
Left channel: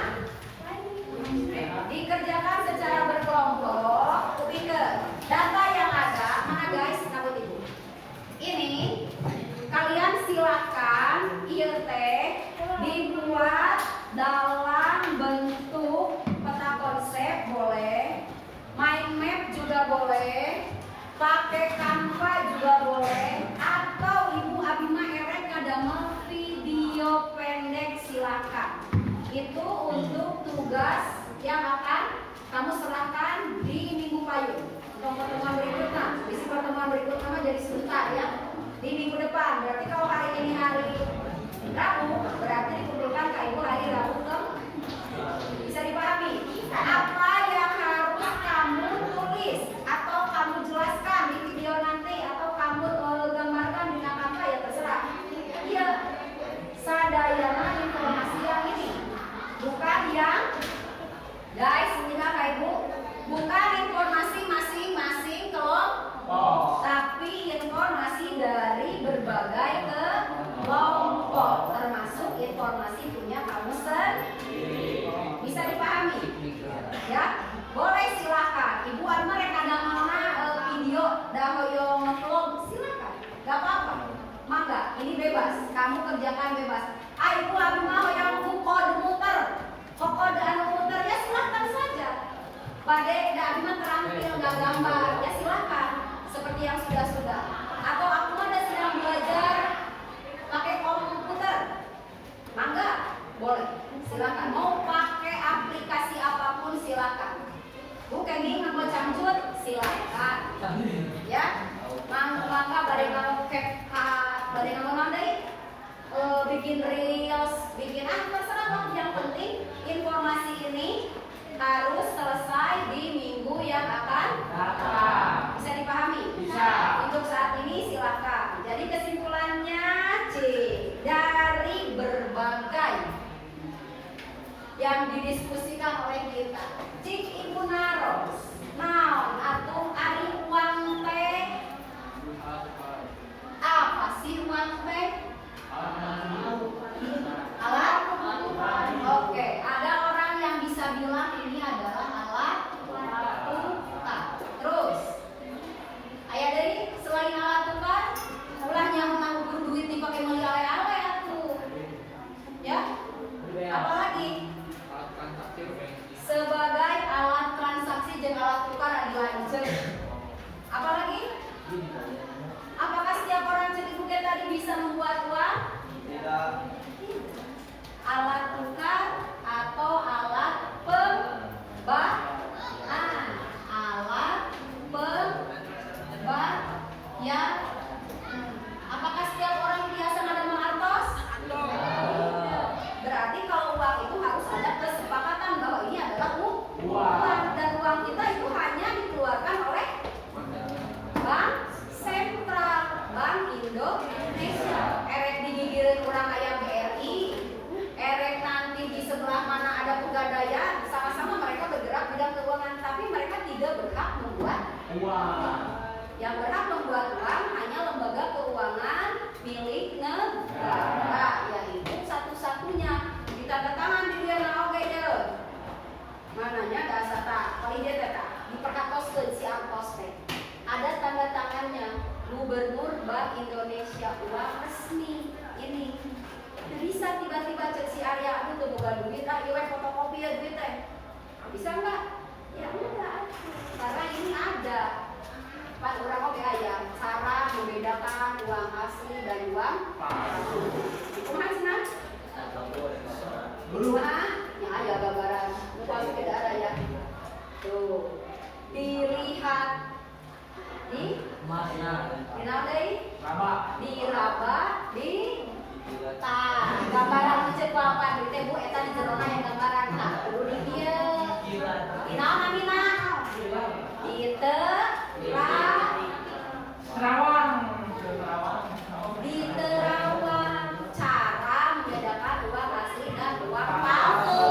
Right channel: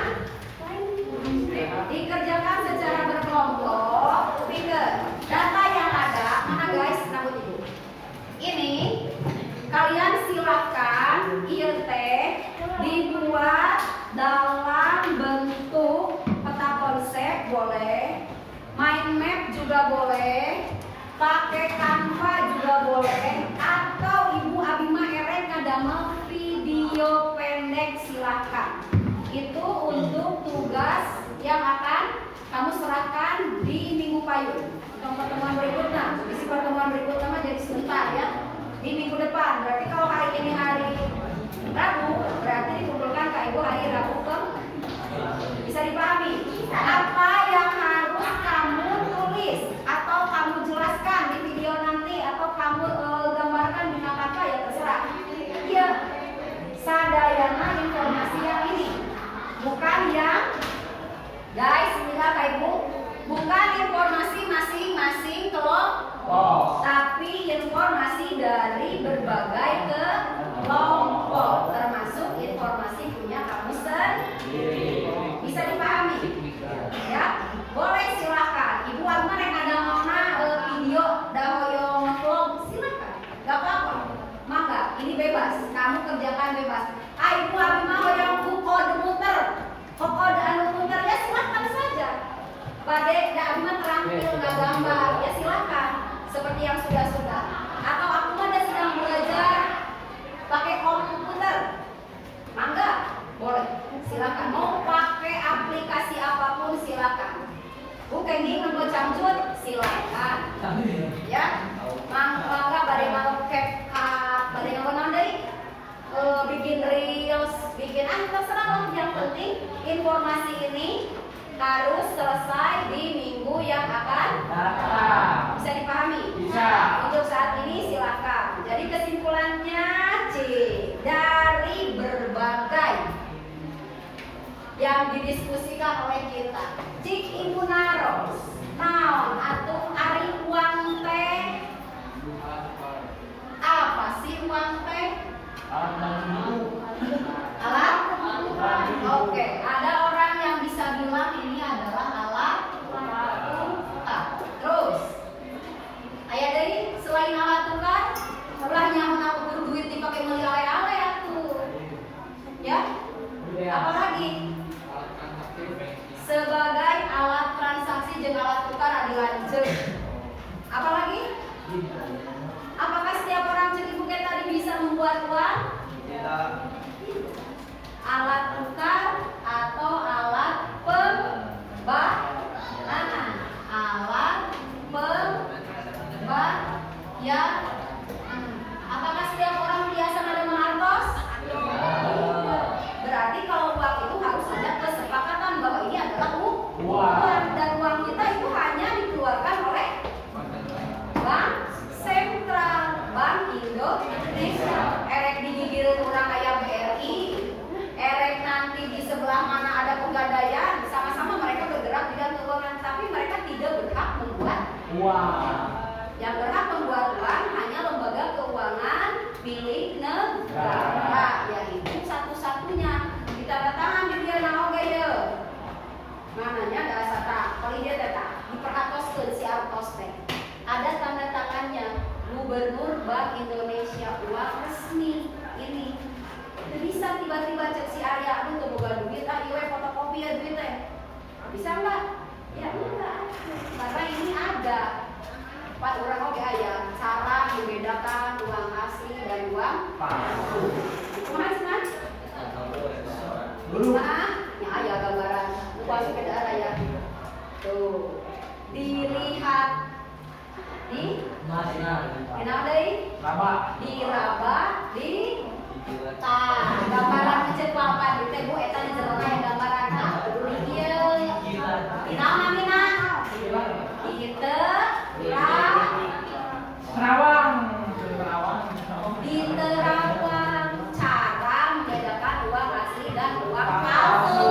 dikerjakan secara berkelompok. Pikir data yang ada mana guys? Rambut ibu. Ini kalian silakan IET dibuat dalam bentuk peta konsep boleh, mind map juga boleh, pakai Canva juga boleh, atau Ibu Abima Erek ngadamel video pendek silakan. Itu untuk tugas yang akan kamu serahkan di minggu payung. Untuk pertemuan berikutnya, isi pertemuan berikutnya jadi sebentar ya. Di Rabu, berarti dikumpulkan Kak Ibu hari Rabu ke. Bisa dipahami? Apa yang harus kamu tulis atau kamu jelaskan di video nanti atau kamu gambarkan dengan apa ya terserah. Iya, sadayana informasi yang ini, bukan yang guys, inilah Kak Ibu, bukan informasi masing-masing kelompok, tapi informasi dari berbagai kelompok, termasuk informasi punya kamu sendiri. Bisa dipahami? Ya, boleh silakan. Ibu Alma rek ada mana video dahoyong ngeklong, silakan, gak apa-apa. Maka ini bebas, kamu kerjakan bebas. Ibu Alma mau yang kode muter, kode anu muter ya silakan saja. Pada Abi mah terampil nggak gambar ya silakan. Seperti yang sudah. Atau aku ada sedang belajar pakai komputer, mangga boleh silakan. Mau pakai aplikasi apapun silakan. Bukan ini ngebuat camcut silakan. Ya, mangga pada mau CapCut, pada yang mau bikin reels, bikin terserah lah. Yang penting informasi ini harus selesai di minggu yang akan datang. Bisa dipahami? Bisa. Untuk saat ini silakan. Jadi kesimpulannya C, dari berbagai yang didiskusikan oleh kita. Cik Ibu naros, naon atuh ari uang teh? Apa sih uang teh? Alat kebutuhan. Oke, ada orang yang bisa bilang ini adalah alat tukar. Terus, ayah dari selain alat tukar, ulahnya mengukur duit dipakai beli ale-ale atuh. Ya? Apalagi? Sebagai alat transaksi jeung alat tukar ada lanceuk. Apalagi? Apakah setiap orang cek ibu kita tadi bisa membuat uang? Tidak. Alat tukar atau alat pembayaran? Alat pembayaran. Apakah setiap orang biasa ada menartos? Tidak. Berarti kalau uang itu harus ada kesepakatan bahwa ini adalah uang dan uang kita itu hanya dikeluarkan oleh Bank Sentral, Bank Indonesia. Erek digigir kurang kayak BRI, erek nanti di sebelah mana ada pegadaian, sama-sama mereka bergerak bidang keuangan, tapi mereka tidak berhak membuat uang. Yang berhak membuat uang hanya lembaga keuangan milik negara, yaitu satu-satunya ditandatangan di dia naoge ya. Mananya dasar tak, kalau dia tetap diperhatoskeun si artos teh. Ada tanda tangannya Gubernur Bank Indonesia, uang resmi ini. Tidak bisa tiba-tiba cek si Arya, aduh tuh bukan duit, iwe fotokopi ya duit teh. Bisa nggak? Ya enggak. Karena ini ada. Pak orang oke ayah cara membedakan uang asli dan uang palsu. Kumaha cenah? Kumaha? Ya aya gambaran. Uang sepeda raya. Tuh. Dilihat di mana deui? Diraba di tah. Gambaran cek papan di teh Bu eta di jelema yang gambaran tah. Kudu dieu. Dinaon namina? Terawang. Di terawang cara membedakan uang asli dan uang palsu.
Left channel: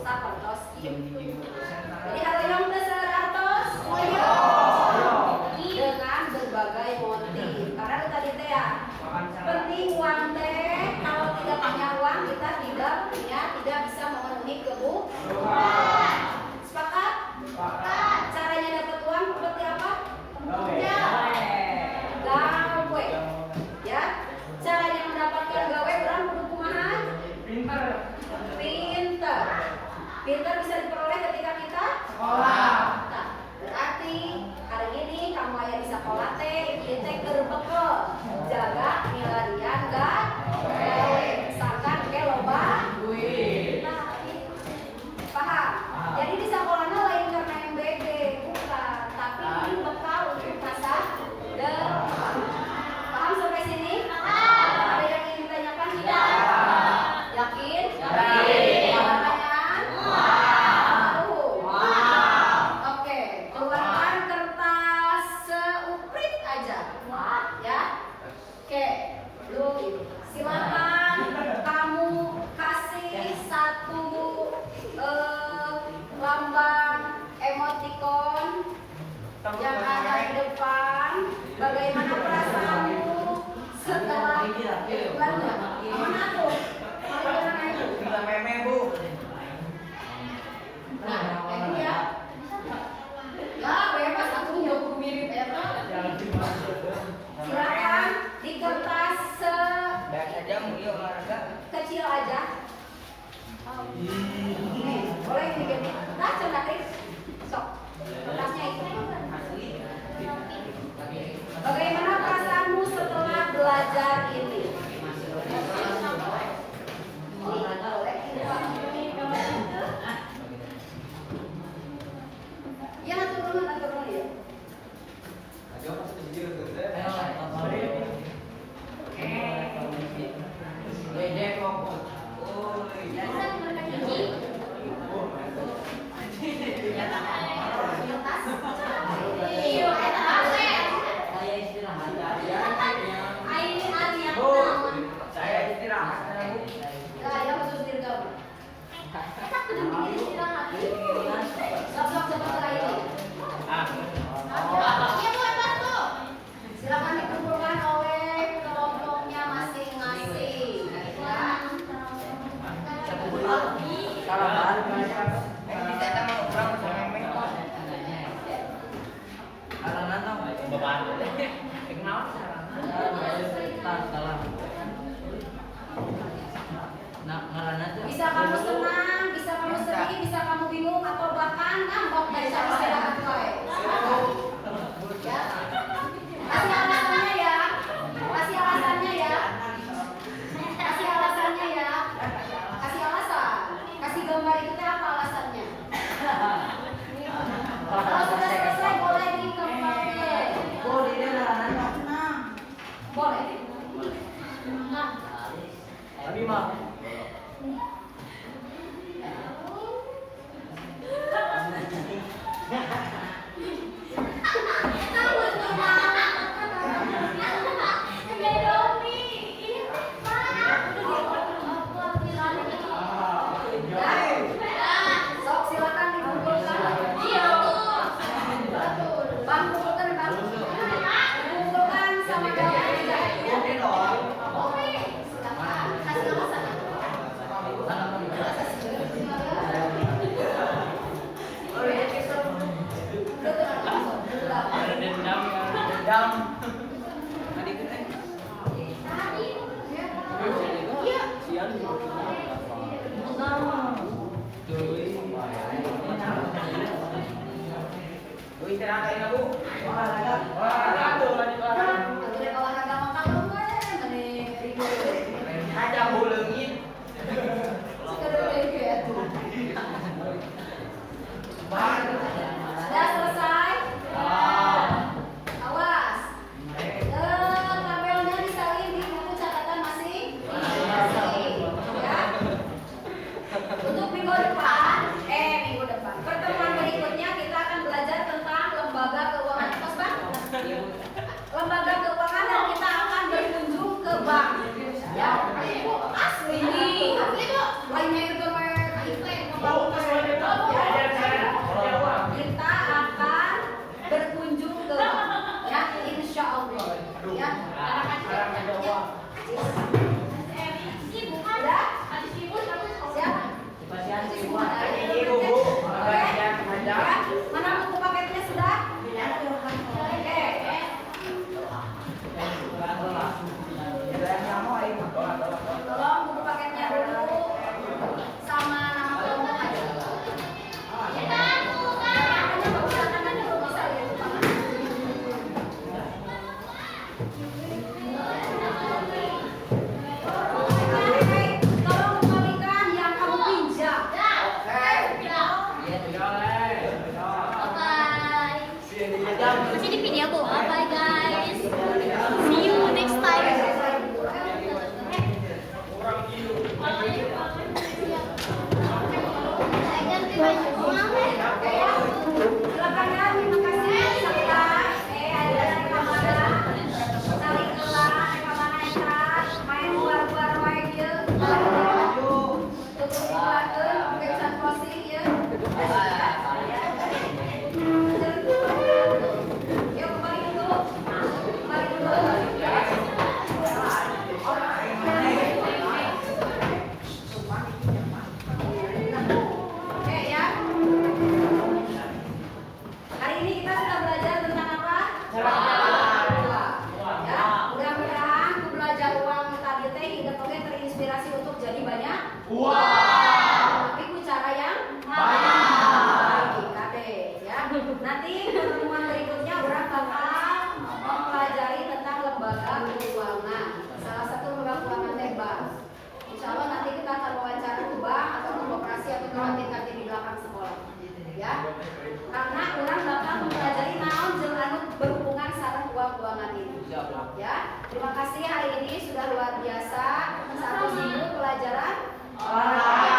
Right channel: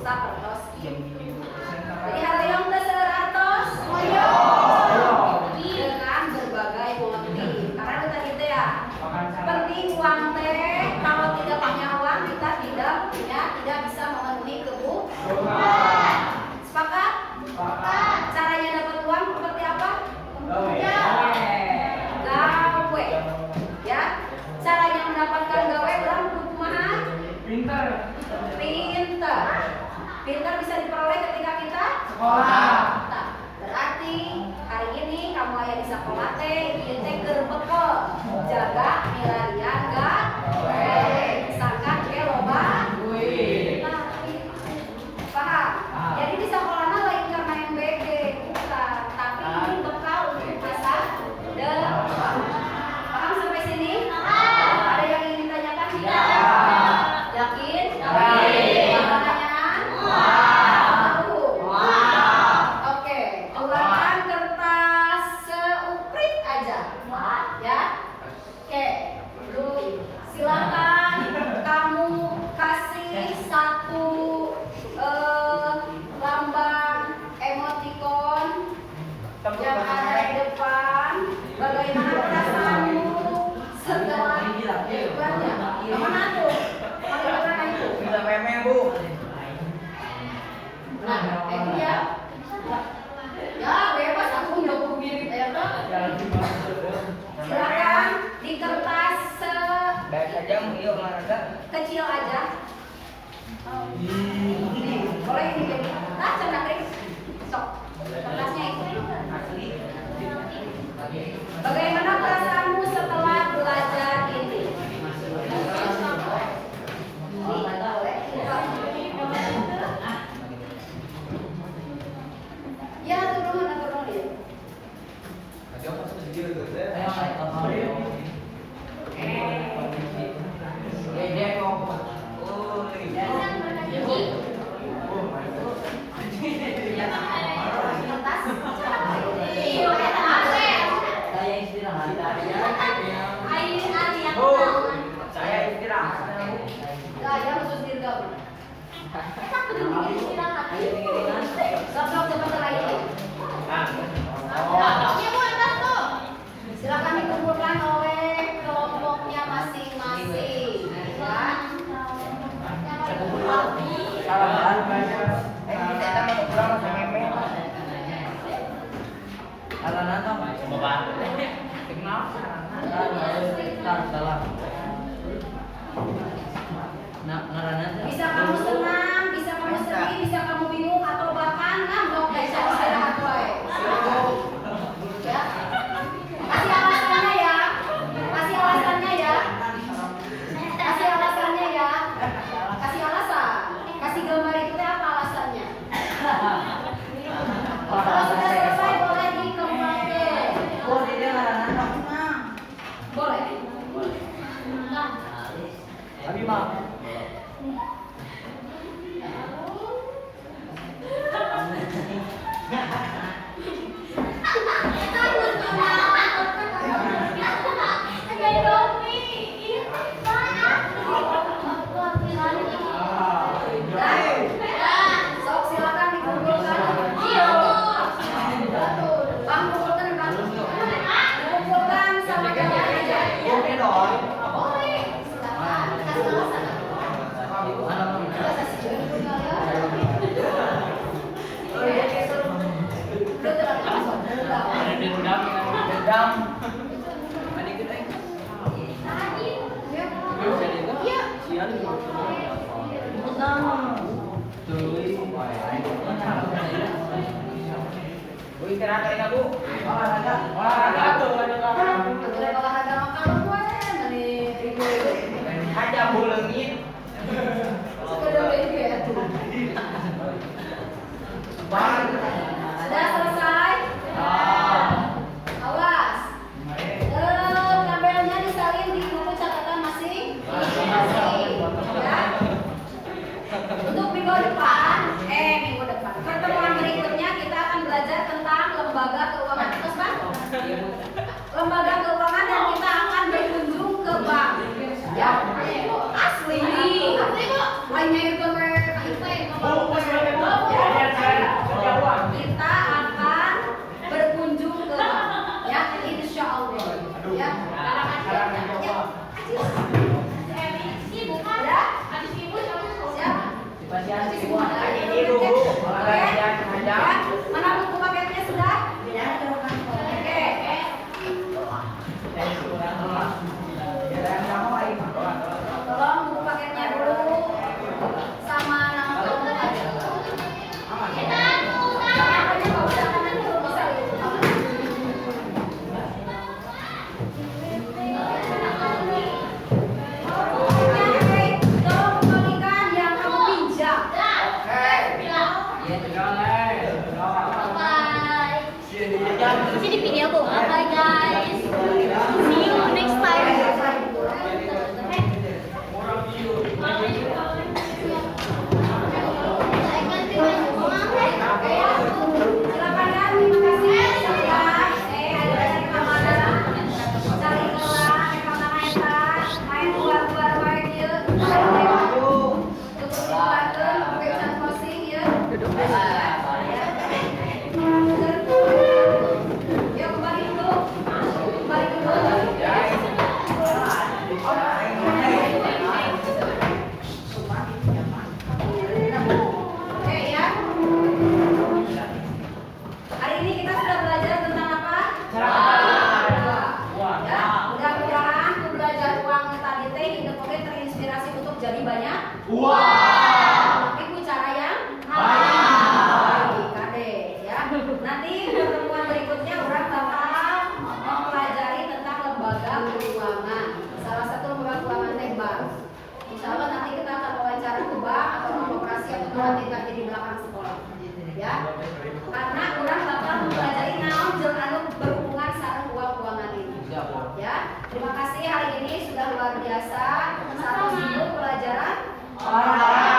Sapertos. Jadi haroyong teh seueur artos? Dengan berbagai motif. Karena itu tadi teh ya. Penting uang teh kalau tidak punya uang kita tidak bisa memenuhi kebutuhan. Sepakat? Caranya dapat uang seperti apa? Gawe. Ya. Caranya mendapatkan gawe orang kudu kumaha? Pinter. Pinter bisa diperoleh ketika kita sekolah. Nah, berarti hari ini kamu aya di sekolah teh, ieu teh keur bekel. Jaga milarian gawe. Sangkan ge loba duit. Paham? Jadi di sekolahna lain karena MBG, bukan, tapi ini bekal untuk masa depan. Paham sampai sini? Ada yang ingin ditanyakan tidak? kecil aja. Boleh digini. Nah, coba Kris. Sok. Kertasnya itu. Bagaimana perasaanmu setelah belajar ini? Ya, turun ya. Saya istirahat. Saya istirahat. Ya, khusus dirgabung. Sok sebentar lagi. Silakan dikumpulkan oleh kelompoknya masing-masing. Ya. Bisa kamu senang, bisa kamu sedih, bisa kamu bingung atau bahkan ngambek dari istirahat wae. Ya. Kasih alasannya ya. Kasih alasannya ya. Kasih alasannya ya. Kasih alasan. Kasih gambar itu apa alasannya? Kalau sudah selesai boleh dikembangkan. Boleh. Nah. Tapi mau. Sok silakan dikumpulkan. Bang, kumpulkan sama gambarnya. Sudah selesai? Awas. Tabelnya disalin di buku catatan masing-masing. Ya. Untuk minggu depan, pertemuan berikutnya kita akan belajar tentang lembaga keuangan. Terus, Pak? Lembaga keuangan dan kita akan berkunjung ke bank. Ya, asli. Asli, Bu. Lainnya itu kita akan berkunjung ke bank. Ya, insya Allah. Ya. Mana buku paketnya sudah? Oke. Tolong buku paketnya dulu sama nama kelompoknya. Makanya nggak usah nanti dulu bisa lihat di kamar. Tolong kembalikan yang kamu pinjam. Iya, Tapi ku cara yang baik, kade ya. Nanti pertemuan berikutnya orang bakal mempelajari tentang lembaga keuangan. Salah satu lembaga keuangan teh bank. Insya Allah nanti kita akan wawancara ke bank atau koperasi atau tempat di belakang sekolah. Ya, karena orang bakal mempelajari naon jeung anu berhubungan sareng keuangan ini. Ya, terima kasih hari ini sudah luar biasa. Satu minggu pelajaran olahraga.